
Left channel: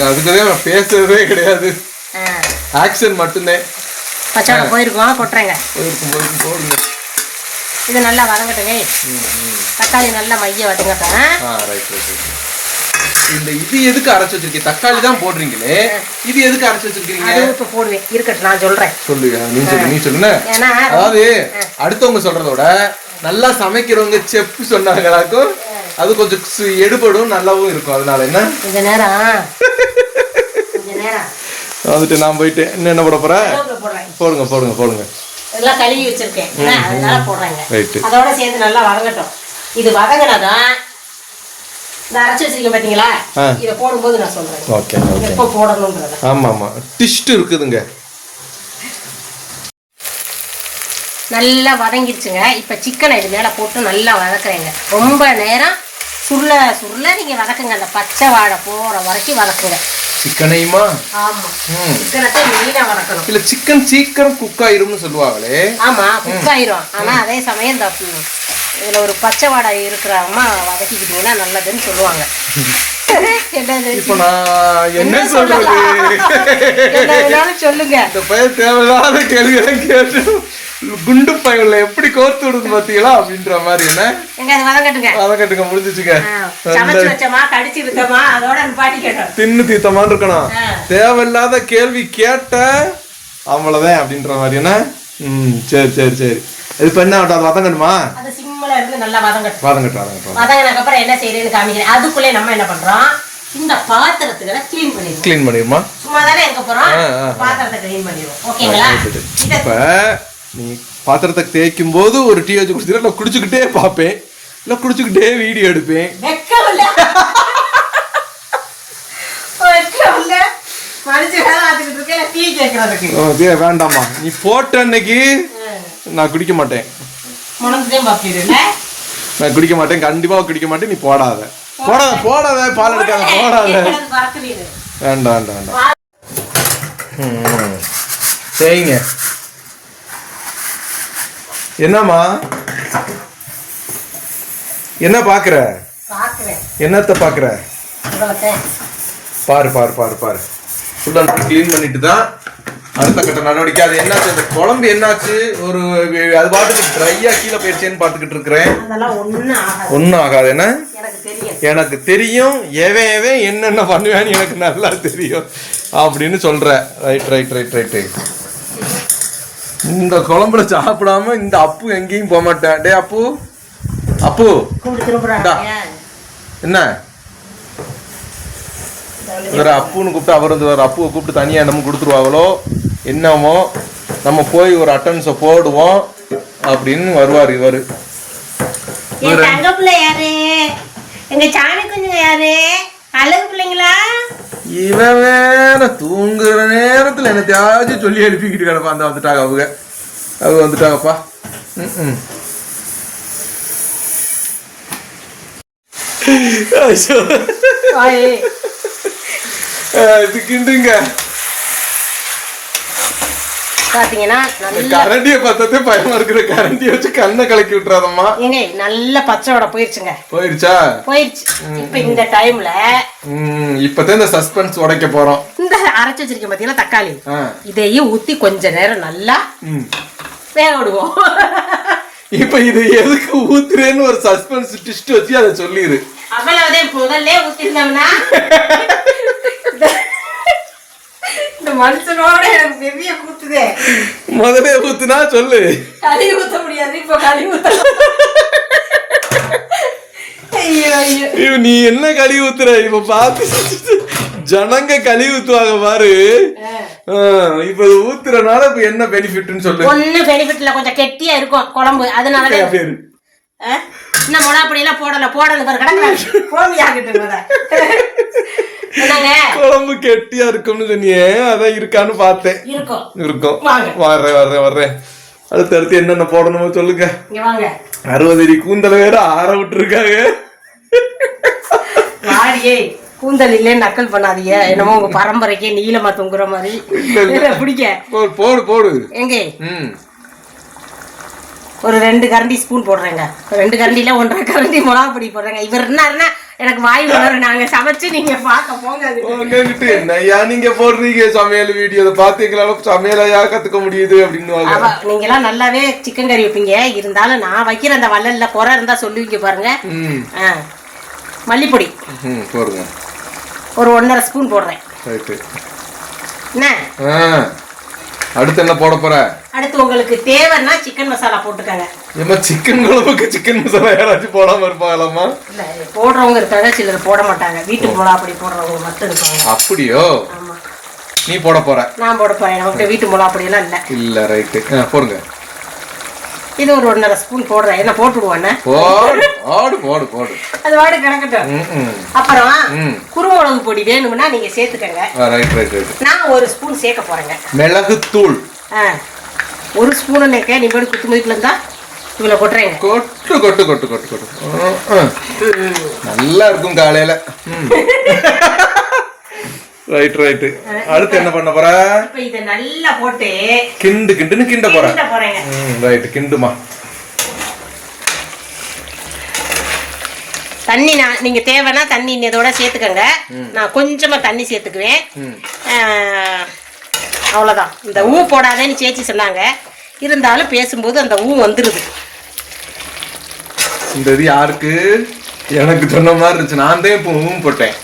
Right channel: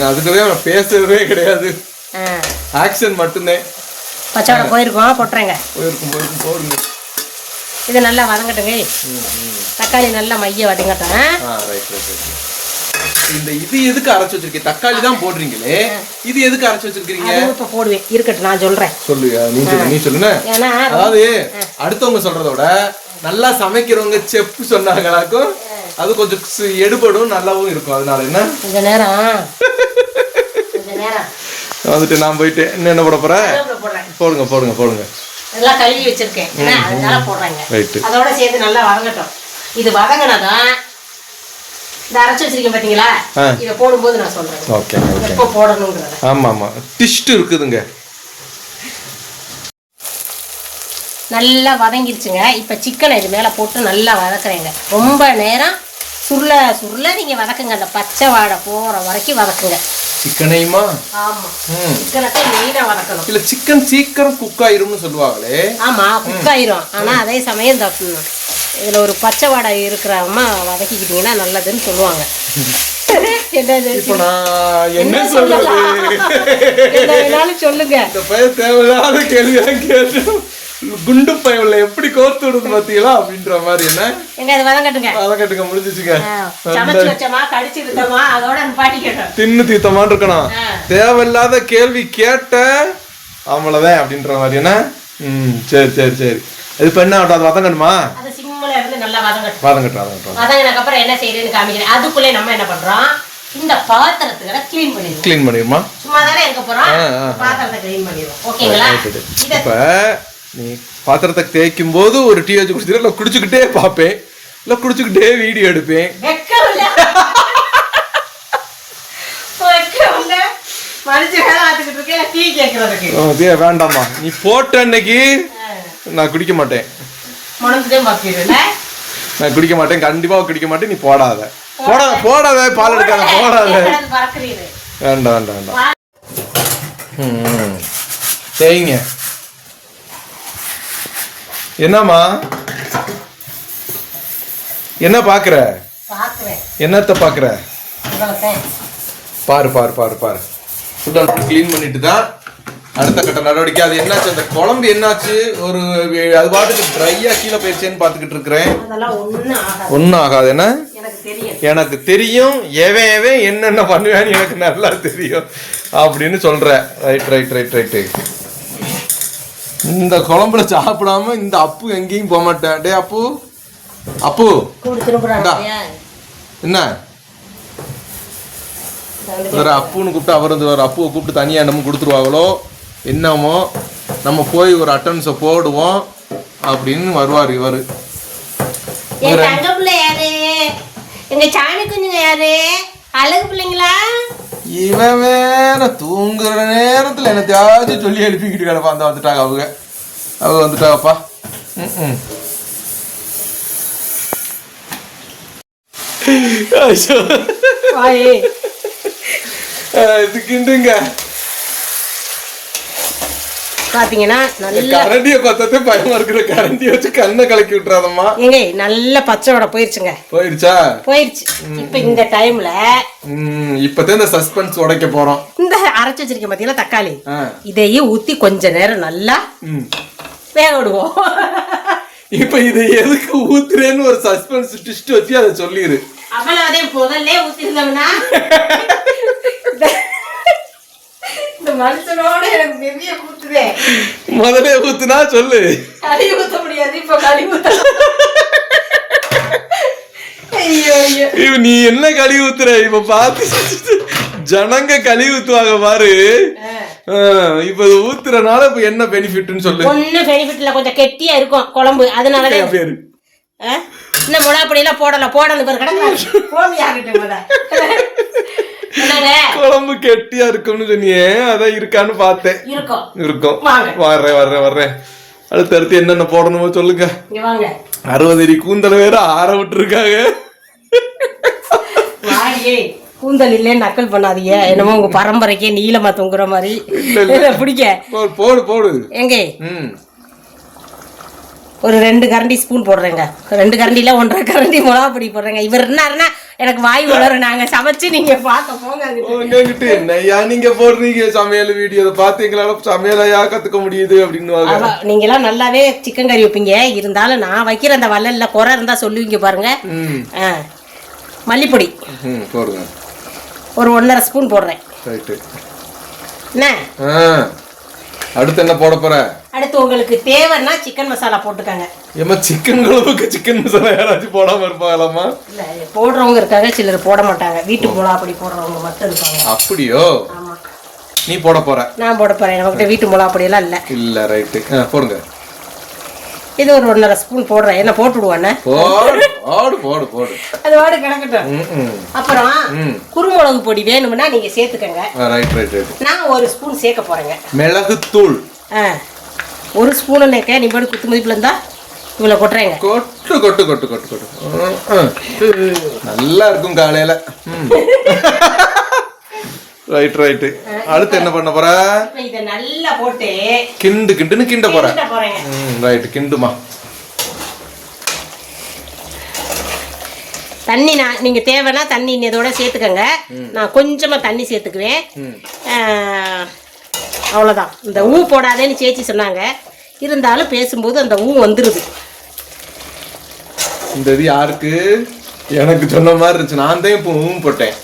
அதுக்குதான் நான் பேசுறதே கிடையாது. ஆ, ஆக்ஷன் மட்டும்தான். பச்சை வடை போயிருக்கோம் கொட்டுறேங்க போயிருக்கும் போயிருக்கும் போடுங்க. இது நல்லா வதங்கட்டுங்க. தக்காளி நல்லா மைய வதங்கட்டும் இந்த இது எதுக்கு அரைச்சு வச்சிருக்கீங்க? தக்காளி தான் போடுறீங்களே. இது எதுக்கு அரைச்சு வச்சிருக்கீங்க? இப்போ போடுவேன். இருக்கட்டும் நான் சொல்றேன். சொல்லுங்க. நீ சொல்லு நீ சொல்லுங்க அதாவது அடுத்தவங்க சொல்றத விட நல்லா சமைக்கிறவங்க செஃப் சொன்னாங்களாக்கும் அது கொஞ்சம் எடுபடும் நல்லாவும் இருக்கும். அதனால என்ன? கொஞ்ச நேரம். வந்துட்டு நான் போயிட்டு என்ன போட போறேன். போடுங்க போடுங்க போடுங்க. எல்லாம் கழுவி வச்சிருக்கேன். அதனால போடுறாங்க. அதோட சேர்ந்து நல்லா வதங்கட்டும். இது வதங்கினாதான் இந்த அரைச்சு வச்சிருக்கேன் பாத்தீங்களா? ஆ. இதை போடும்போது நான் சொல்றேன். ஓகே ஓகே எப்போ போடணுன்றத. ஆமா ஆமா டிஸ்ட் இருக்குதுங்க. நல்லா வதங்கிருச்சுங்க. இப்போ சிக்கனை இது மேலே போட்டு நல்லா வதக்குறேங்க. ரொம்ப நேரம் சுருள சுருள நீங்கள் வதக்குங்க. அந்த பச்சை வாடை போகிற வரைக்கும் வதக்குங்க. சிக்கனையுமா ஆமாம் ம். சிக்கனத்தை மெயினாக வதக்கணும். இல்ல சிக்கன் சீக்கிரம் குக் ஆயிரும்னு சொல்லுவாங்களே. ஆமாம் குக் ஆயிரும். ஆனால் அதே சமயம் இந்த இதில் ஒரு பச்சை வாடை இருக்கிறாம வதக்கிக்கிட்டீங்கன்னா நல்லதுன்னு சொல்லுவாங்க. என்னது இப்போ நான் என்ன சொல்றது? சொல்லுங்க. இந்த பையன் தேவையில்லாத கேள்வி கேட்டு குண்டு பையன்ல எப்படி கோர்த்து விடுது பாத்தீங்களா அப்படின்ற மாதிரி என்ன? அது வதங்கட்டுங்க முடிஞ்சிச்சுங்க. தின்னு தீத்தமான்னு இருக்கணும். தேவையில்லாத கேள்வி கேட்ட அவ்வளவுதான் அப்படின்ற மாதிரி என்ன? ம் சரி சரி சரி. இது இப்ப என்ன அது வதங்கணுமா வதங்கட்டும் வதங்கட்டும் வதங்கினதுக்கு அப்புறம் என்ன செய்யறதுன்னு காமிக்கிறேன். அதுக்குள்ளே நம்ம என்ன பண்றோம்? இந்த பாத்திரத்துகளை க்ளீன் பண்ணிடுவோம். க்ளீன் பண்ணிடுமா? சும்மா தானே இருக்க போறோம். பாத்திரத்தை க்ளீன் பண்ணிடுவோம். ஓகேங்களா? இப்ப நீ பாத்திரத்தை தேய்க்கும் போது ஒரு டீ வச்சு குடிச்சிட்டு இல்லை குடிச்சுக்கிட்டே பார்ப்பேன். இல்லை குடிச்சுக்கிட்டே வீடியோ எடுப்பேன். வேண்டாம்மா. நீ போட்ட அன்னைக்கு நான் குடிக்க மாட்டேன். நான் குடிக்க மாட்டேன் கண்டிப்பா குடிக்க மாட்டேன் நீ போடாத. போடாத. போடாத பால் எடுக்காத போடாத. வேண்டாம் வேண்டாம் வேண்டாம். சரிங்க என்னம்மா? என்ன பாக்குற? பார்க்குறேன் என்னத்த பாக்குற? உங்களுக்கு பாரு பாரு பாரு பாரு. ஃபுல்லாக க்ளீன் பண்ணிட்டு தான் அடுத்த கட்ட நடவடிக்கை. அது என்னாச்சு? அந்த குழம்பு என்னாச்சு? ஒரு அது பாட்டுக்கு ட்ரையா கீழே போயிடுச்சேன்னு பார்த்துக்கிட்டு இருக்கிறேன். ஒன்றும் ஆகாது. என்ன? எனக்கு தெரியும். எனக்கு தெரியும். எவன் எவன் என்னென்ன பண்ணுவேன்னு எனக்கு நல்லா தெரியும். அப்படின்னு சொல்ற. ரைட் ரைட் ரைட் ரைட்டு இந்த குழம்புல சாப்பிடாம இந்த அப்பு எங்கேயும் போக மாட்டேன். டே அப்பு. அப்பு. என்ன? வேற அப்புன்னு கூப்பிட்டு அவர் வந்து வேற அப்புவை கூப்பிட்டு தனியாக என்னமோ கொடுத்துருவாங்களோ என்னமோ. நம்ம போய் ஒரு அட்டன்ஸை போடுவோம் அப்படின்னு வருவார் இவர். எங்க சாணி குஞ்சுங்க யாரு? அழகு பிள்ளைங்களா? இவன் வேற தூங்குற நேரத்துல என்னத்தையாச்சும் சொல்லி எழுப்பிக்கிட்டு கிடப்பா. அந்த வந்துட்டாங்க அவங்க. அவங்க வந்துட்டாங்கப்பா. ம்ம். ஐயோ. பாத்தீங்கன்னா நல்ல கரண்டிய பார்த்ததே பயமா இருக்கிற கரண்டிய வச்சு கண்ணை கலக்கி விட்டுறாதம்மா. ஏங்க நல்ல பச்சை வடை போயிருச்சுங்க. போயிருச்சா? போயிருச்சு. இப்ப இந்த டைம்ல இப்பதான் இந்த சஸ்பென்ஸ் உடைக்க போறோம். இந்த அரைச்சு வச்சிருக்கேன் பாத்தீங்களா தக்காளி? இதையும் ஊத்தி கொஞ்ச நேரம் நல்லா. வேக விடுவோம். இப்ப இது எதுக்கு ஊத்துறேன்னு ஒரு சஸ்பென்ஸ் டிஸ்ட் வச்சு அதை சொல்லிடு அவ்வளவுதே முதல்ல ஊத்திருந்தோம்னா. இந்த மனுஷனோட எனக்கு பெரிய ஊத்துதே முதல்ல ஊத்துனா சொல்லு. களி ஊத்த முடியாது இப்ப களி ஊத்த. ஐயோ நீ என்ன களி ஊத்துற? இப்ப பார்த்து ஜனங்க களி ஊத்துவாங்க பாரு. இப்ப ஊத்துறனால இப்ப என்ன பெனிஃபிட்னு சொல்லு. ஒண்ணு பெனிஃபிட்ல கொஞ்சம் கெட்டியா இருக்கும் குழம்பு. அதனாலதான் அப்படியே? இன்னும் முனாப்படி எல்லாம் போடல போடணும் ஒரு குழம்பு கெட்டியா இருக்கும்னு சொன்னியே அதான் இருக்கான்னு பார்த்தேன். இருக்கும். வர்றேன் வர்றேன் வர்றேன். அடுத்து அடுத்து என்னென்ன போடணுமோ சொல்லுங்க. அறுபது அடி கூந்தல வேற ஆற விட்டுருக்காங்க. கூந்தல் இல்லைன்னு நக்கல் பண்ணாதீங்க. என்னமோ உங்க பரம்பரைக்கே நீளமா தொங்குற மாதிரி. பிடிக்க. போடு போடு போடு. எங்க? ஒரு ரெண்டு கரண்டி ஸ்பூன் போடுறேங்க. ரெண்டு கரண்டில ஒன்றரை கரண்டி மிளகா பொடி போடுறேங்க. இவர் என்னருன்னா எனக்கு வாய் வரும் நாங்க சமைச்சு நீங்க பார்க்க போங்க நீங்க போடுறீங்க சமையல் வீடியோ பார்த்து எங்களால சமையலையா கத்துக்க முடியுது அப்படின்னு அவ நீங்கெல்லாம் நல்லாவே சிக்கன் கறி வைப்பீங்க. இருந்தாலும் நான் வைக்கிற அந்த வள்ளல்ல குறை இருந்தா சொல்லுவீங்க பாருங்க. மல்லிப்பொடி. ம் போடுங்க. ஒரு ஒன்றரை ஸ்பூன் போடுறேன். என்ன? ஆ. அடுத்து என்ன போட போற? அடுத்து உங்களுக்கு தேவைன்னா சிக்கன் மசாலா போட்டுக்கோங்க. ஏமா சிக்கன் குழம்புக்கு சிக்கன் மசாலா யாராச்சும் போடாம இருப்பாங்களாமா இல்ல போடுறவங்க இருக்காங்க சிலர் போட மாட்டாங்க. வீட்டு மிளகா அப்படி போடுறவங்க மட்டும் இருக்காங்க அப்படியோ? நீ போட போற? நான் போட போறேன். வீட்டு மிளகா பொடியெல்லாம் இல்லை. இல்ல ரைட்டு போடுங்க. இது ஒரு ஒன்றரை ஸ்பூன் போடுறேன். என்ன போட்டு விடுவானே போடு போடு போடு போடு. அது வாடு கிடக்கட்டும் அப்புறம். குருமிளகு பொடி வேணும்னா நீங்க சேர்த்துக்கங்க. ஆ ரைட் ரைட் ரைட் நான் ஒரு ஸ்பூன் சேர்க்க போறேங்க. மிளகுத்தூள். ஆ ஒரு ஸ்பூனு நேக்க நீ போய் குத்து மதிப்புல இருந்தா இவ்வளோ கொட்டுறேங்க. கொட்டு கொட்டு கொட்டு கொட்டு கொட்டு. நல்லா இருக்கும் காலையில. ரைட் ரைட்டு அடுத்து என்ன பண்ண போற? இதை நல்லா போட்டு கிண்டு கிண்டுன்னு கிண்ட போற. ம் ரைட் கிண்டுமா? தண்ணி நான் நீங்க தேவைன்னா தண்ணி இதோட சேர்த்துக்கங்க. நான் கொஞ்சமா தண்ணி சேர்த்துக்குவேன். அவ்வளவுதான். இந்த ஊ போடாதேன்னு சேச்சி சொன்னாங்க. இருந்தாலும் பேசும்போது அந்த ஊ வந்துருது. இந்த இது யாருக்கு? எனக்கு சொன்ன மாதிரி இருந்துச்சு. நான் தான் இப்போ ஊம் போட்டேன்.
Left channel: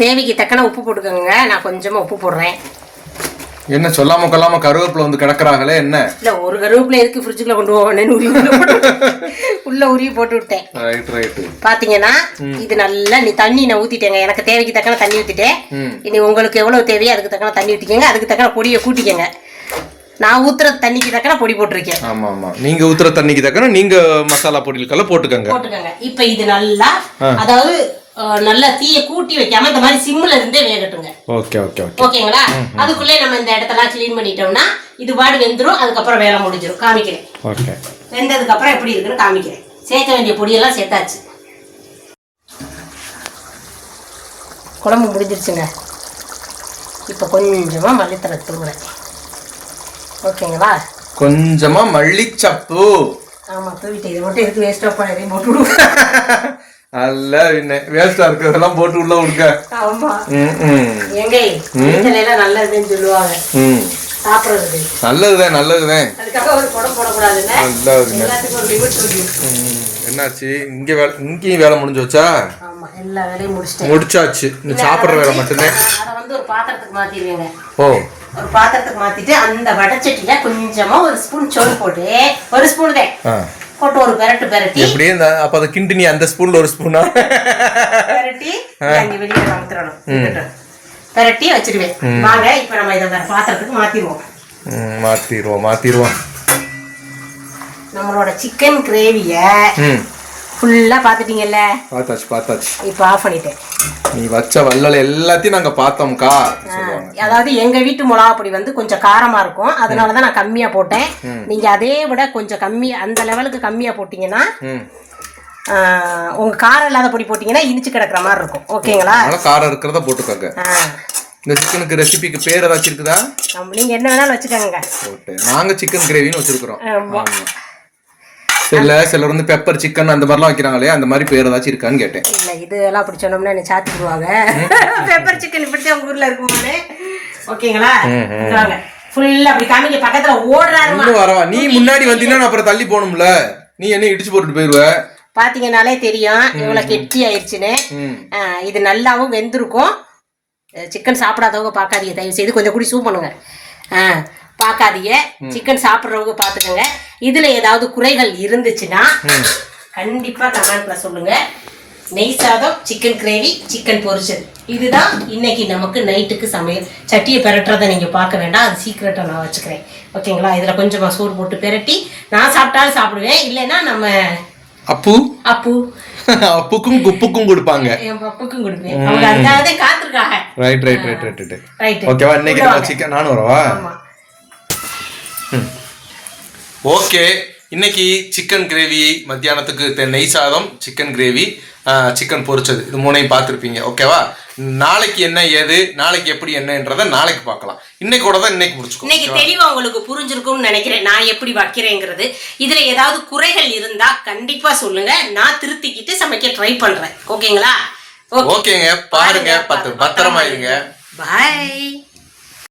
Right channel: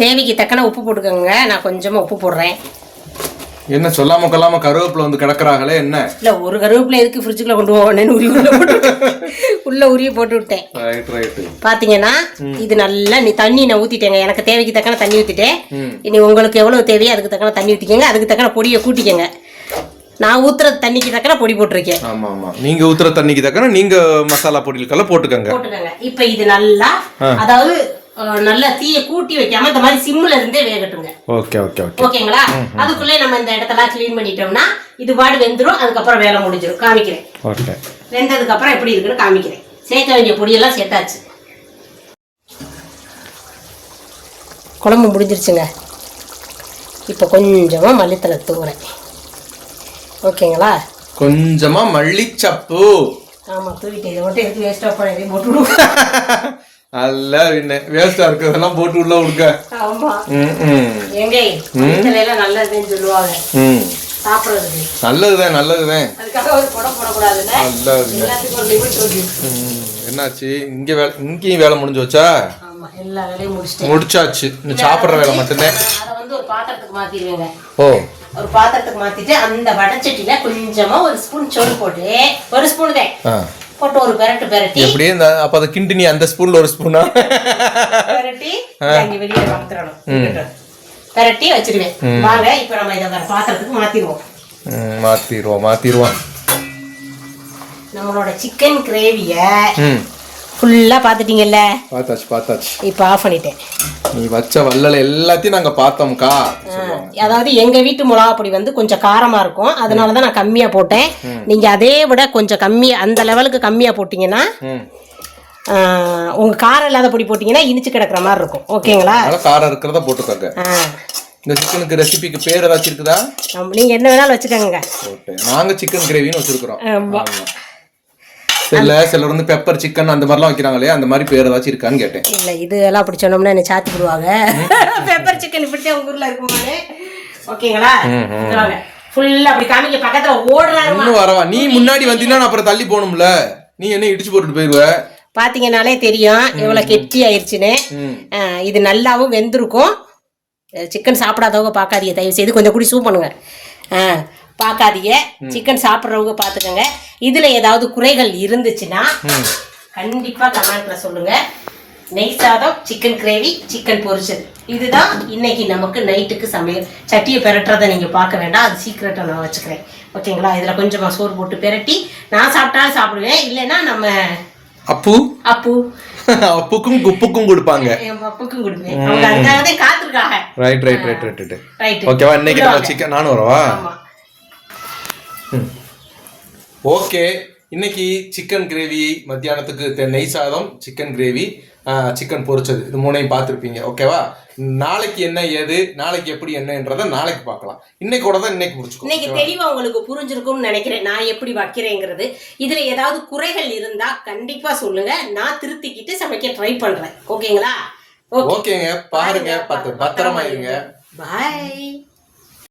தேவைக்கு தக்கன உப்பு போட்டுக்கோங்க. நான் கொஞ்சமா உப்பு போடுறேன். என்ன சொல்லாம கொள்ளாம கருவேப்பிலை வந்து கிடக்குறாங்களே என்ன? இல்ல ஒரு கருவேப்பிலை எதுக்கு ஃப்ரிட்ஜுக்குள்ள கொண்டு போவேன்னு உருவி உள்ள உருவி போட்டு விட்டேன். ரைட் பாத்தீங்கன்னா இது நல்லா நீ தண்ணி நான் ஊத்திட்டேங்க. எனக்கு தேவைக்கு தக்கன தண்ணி ஊத்திட்டேன். இனி உங்களுக்கு எவ்வளவு தேவையோ அதுக்கு தக்கன தண்ணி ஊத்திக்கங்க. அதுக்கு தக்கன பொடியை கூட்டிக்கங்க. நான் ஊத்துற தண்ணிக்கு தக்கன பொடி போட்டிருக்கேன். ஆமா ஆமா நீங்க ஊத்துற தண்ணிக்கு தக்கன நீங்க மசாலா பொடிகளுக்கெல்லாம் போட்டுக்கங்க. போட்டுக்கங்க. இப்ப இது நல்லா அதாவது நல்லா தீயை கூட்டி வைக்காம இந்த மாதிரி சிம்ல இருந்தே வேகட்டுங்க. Okay okay okay. ஓகேங்களா? அதுக்குள்ளே நம்ம இந்த இடத்தெல்லாம் க்ளீன் பண்ணிட்டோம்னா இது பாடு வெந்துரும் அதுக்கப்புறம் வேலை முடிஞ்சிடும் காமிக்கிறேன். ஓகே. வெந்ததுக்கு அப்புறம் எப்படி இருக்குன்னு காமிக்கிறேன். சேர்க்க வேண்டிய பொடியெல்லாம் சேர்த்தாச்சு. குழம்பு முடிஞ்சிருச்சுங்க. இப்போ கொஞ்சமா மல்லித்தலை தூங்குறேன் ஓகேங்களா? கொஞ்சமா மல்லிச்சப்பு. ஆமா தூவிட்டு இதை மட்டும் எதுக்கு வேஸ்ட் ஆஃப் பண்ணி? போட்டு விடுவோம் அல்ல என்ன வேஸ்டா இருக்கிறதெல்லாம் போட்டு உள்ள விடுக்க நல்லதுதான் நல்லதுதான். என்னாச்சு? இங்க வேலை இங்கேயும் வேலை முடிஞ்சு வச்சா முடிச்சாச்சு. இன்னும் சாப்பிட்ற வேலை மட்டும்தான். ஓ. ஒரு பாத்திரத்துக்கு மாத்திட்டு அந்த வடச்சட்டியில கொஞ்சமா ஒரு ஸ்பூன் சோறு போட்டு ஒரு ஸ்பூன் தான். போட்டு ஒரு பெரட்டு பெரட்டி. எப்படியே இந்த அப்ப அதை கிண்டு நீ அந்த ஸ்பூன்ல ஒரு ஸ்பூனா? பெரட்டி அங்க வெளியில கமுத்துறணும் பெரட்டி வச்சிருவேன் வாங்க இப்ப நம்ம இதை வேற பாத்திரத்துக்கு மாத்திடுவோம். ம், மாத்திருவோம் மாத்திருவோம் நம்மளோட சிக்கன் கிரேவியை ஃபுல்லாக பார்த்துட்டீங்கல்ல? பார்த்தாச்சு பார்த்தாச்சு. இப்போ ஆஃப் பண்ணிட்டேன். நீ வச்ச வள்ளல் எல்லாத்தையும் நாங்க பார்த்தோம்க்கா அதாவது எங்க வீட்டு மிளகா பொடி வந்து கொஞ்சம் காரமா இருக்கும். அதனால தான் நான் கம்மியா போட்டேன். நீங்க அதே விட கொஞ்சம் கம்மியா அந்த லெவலுக்கு கம்மியா போட்டீங்கன்னா ம். ஆஹ், உங்க காரம் இல்லாத பொடி போட்டீங்கன்னா இனிச்சு கிடக்குற மாதிரி இருக்கும். ஓகேங்களா? அதனால காரம் இருக்கிறத போட்டுக்கோங்க. இந்த சிக்கனுக்கு ரெசிபிக்கு பேர் ஏதாச்சும் இருக்குதா? ஆமா, நீங்க என்ன வேணாலும் வச்சுக்கோங்க. போட்டு நாங்க சிக்கன் கிரேவின்னு வச்சிருக்கிறோம். ஆமா. சில சிலர் வந்து பெப்பர் சிக்கன் அந்த மாதிரிலாம் வைக்கிறாங்களே அந்த மாதிரி பேர் ஏதாச்சும் இருக்கான்னு கேட்டேன். இல்ல இது எல்லாம் அப்படி சொன்னோம்னா என்ன சாத்திடுவாங்க பெப்பர் சிக்கன் இப்படித்தான் உங்க ஊர்ல இருக்குமானே ஓகேங்களா? ஃபுல்லா அப்படி காமிக்க பக்கத்துல ஓடுறாருமா இன்னும் வரவா? நீ முன்னாடி வந்தீங்கன்னா அப்புறம் தள்ளி போகணும்ல. நீ என்ன இடிச்சு போட்டுட்டு போயிருவ? பாத்தீங்கன்னாலே தெரியும். எவ்வளவு கெட்டி ஆயிடுச்சுன்னு இது நல்லாவும் வெந்திருக்கும். சிக்கன் சாப்பிடாதவங்க பார்க்காதீங்க. தயவு செய்து கொஞ்சம் கூடி சூப் பண்ணுங்க. பார்க்காதீங்க சிக்கன் சாப்பிட்றவங்க பார்த்துக்கோங்க இதில் ஏதாவது குறைகள் இருந்துச்சுன்னா கண்டிப்பாக கமெண்ட்ல சொல்லுங்க. நெய் சாதம் சிக்கன் கிரேவி சிக்கன் பொரிச்சது. இதுதான் இன்னைக்கு நமக்கு நைட்டுக்கு சமையல். சட்டியை பெரட்டுறதை நீங்கள் பார்க்க வேண்டாம். அது சீக்கிரட்டாக நான் வச்சுக்கிறேன். ஓகேங்களா? இதில் கொஞ்சமாக சோறு போட்டு பெரட்டி நான் சாப்பிட்டாலும் சாப்பிடுவேன். இல்லைன்னா நம்ம அப்பு? அப்பு. அப்புக்கும் குப்புக்கும் கொடுப்பாங்க. என் பப்புக்கும் கொடுப்பேன். அவங்க அதுக்காக தான் காத்திருக்காங்க. Right right right right right ஓகேவா இன்னைக்கு நம்ம சிக்கன் நானும் வரவா? ஓகே. இன்னைக்கு சிக்கன் கிரேவி மத்தியானத்துக்கு நெய் சாதம் சிக்கன் கிரேவி சிக்கன் பொரிச்சது. இது மூணையும் பார்த்துருப்பீங்க. ஓகேவா நாளைக்கு என்ன ஏது நாளைக்கு எப்படி என்னன்றதை நாளைக்கு பார்க்கலாம். இன்னைக்கோட தான் இன்னைக்கு முடிச்சுக்கோ இன்னைக்கு தெளிவா உங்களுக்கு புரிஞ்சிருக்கும்னு நினைக்கிறேன். நான் எப்படி வைக்கிறேங்கிறது. இதுல ஏதாவது குறைகள் இருந்தா கண்டிப்பா சொல்லுங்க. நான் திருத்திக்கிட்டு சமைக்க ட்ரை பண்றேன். ஓகேங்களா ஓகேங்க பாருங்க. பத்து பத்திரமா இருங்க. பாய்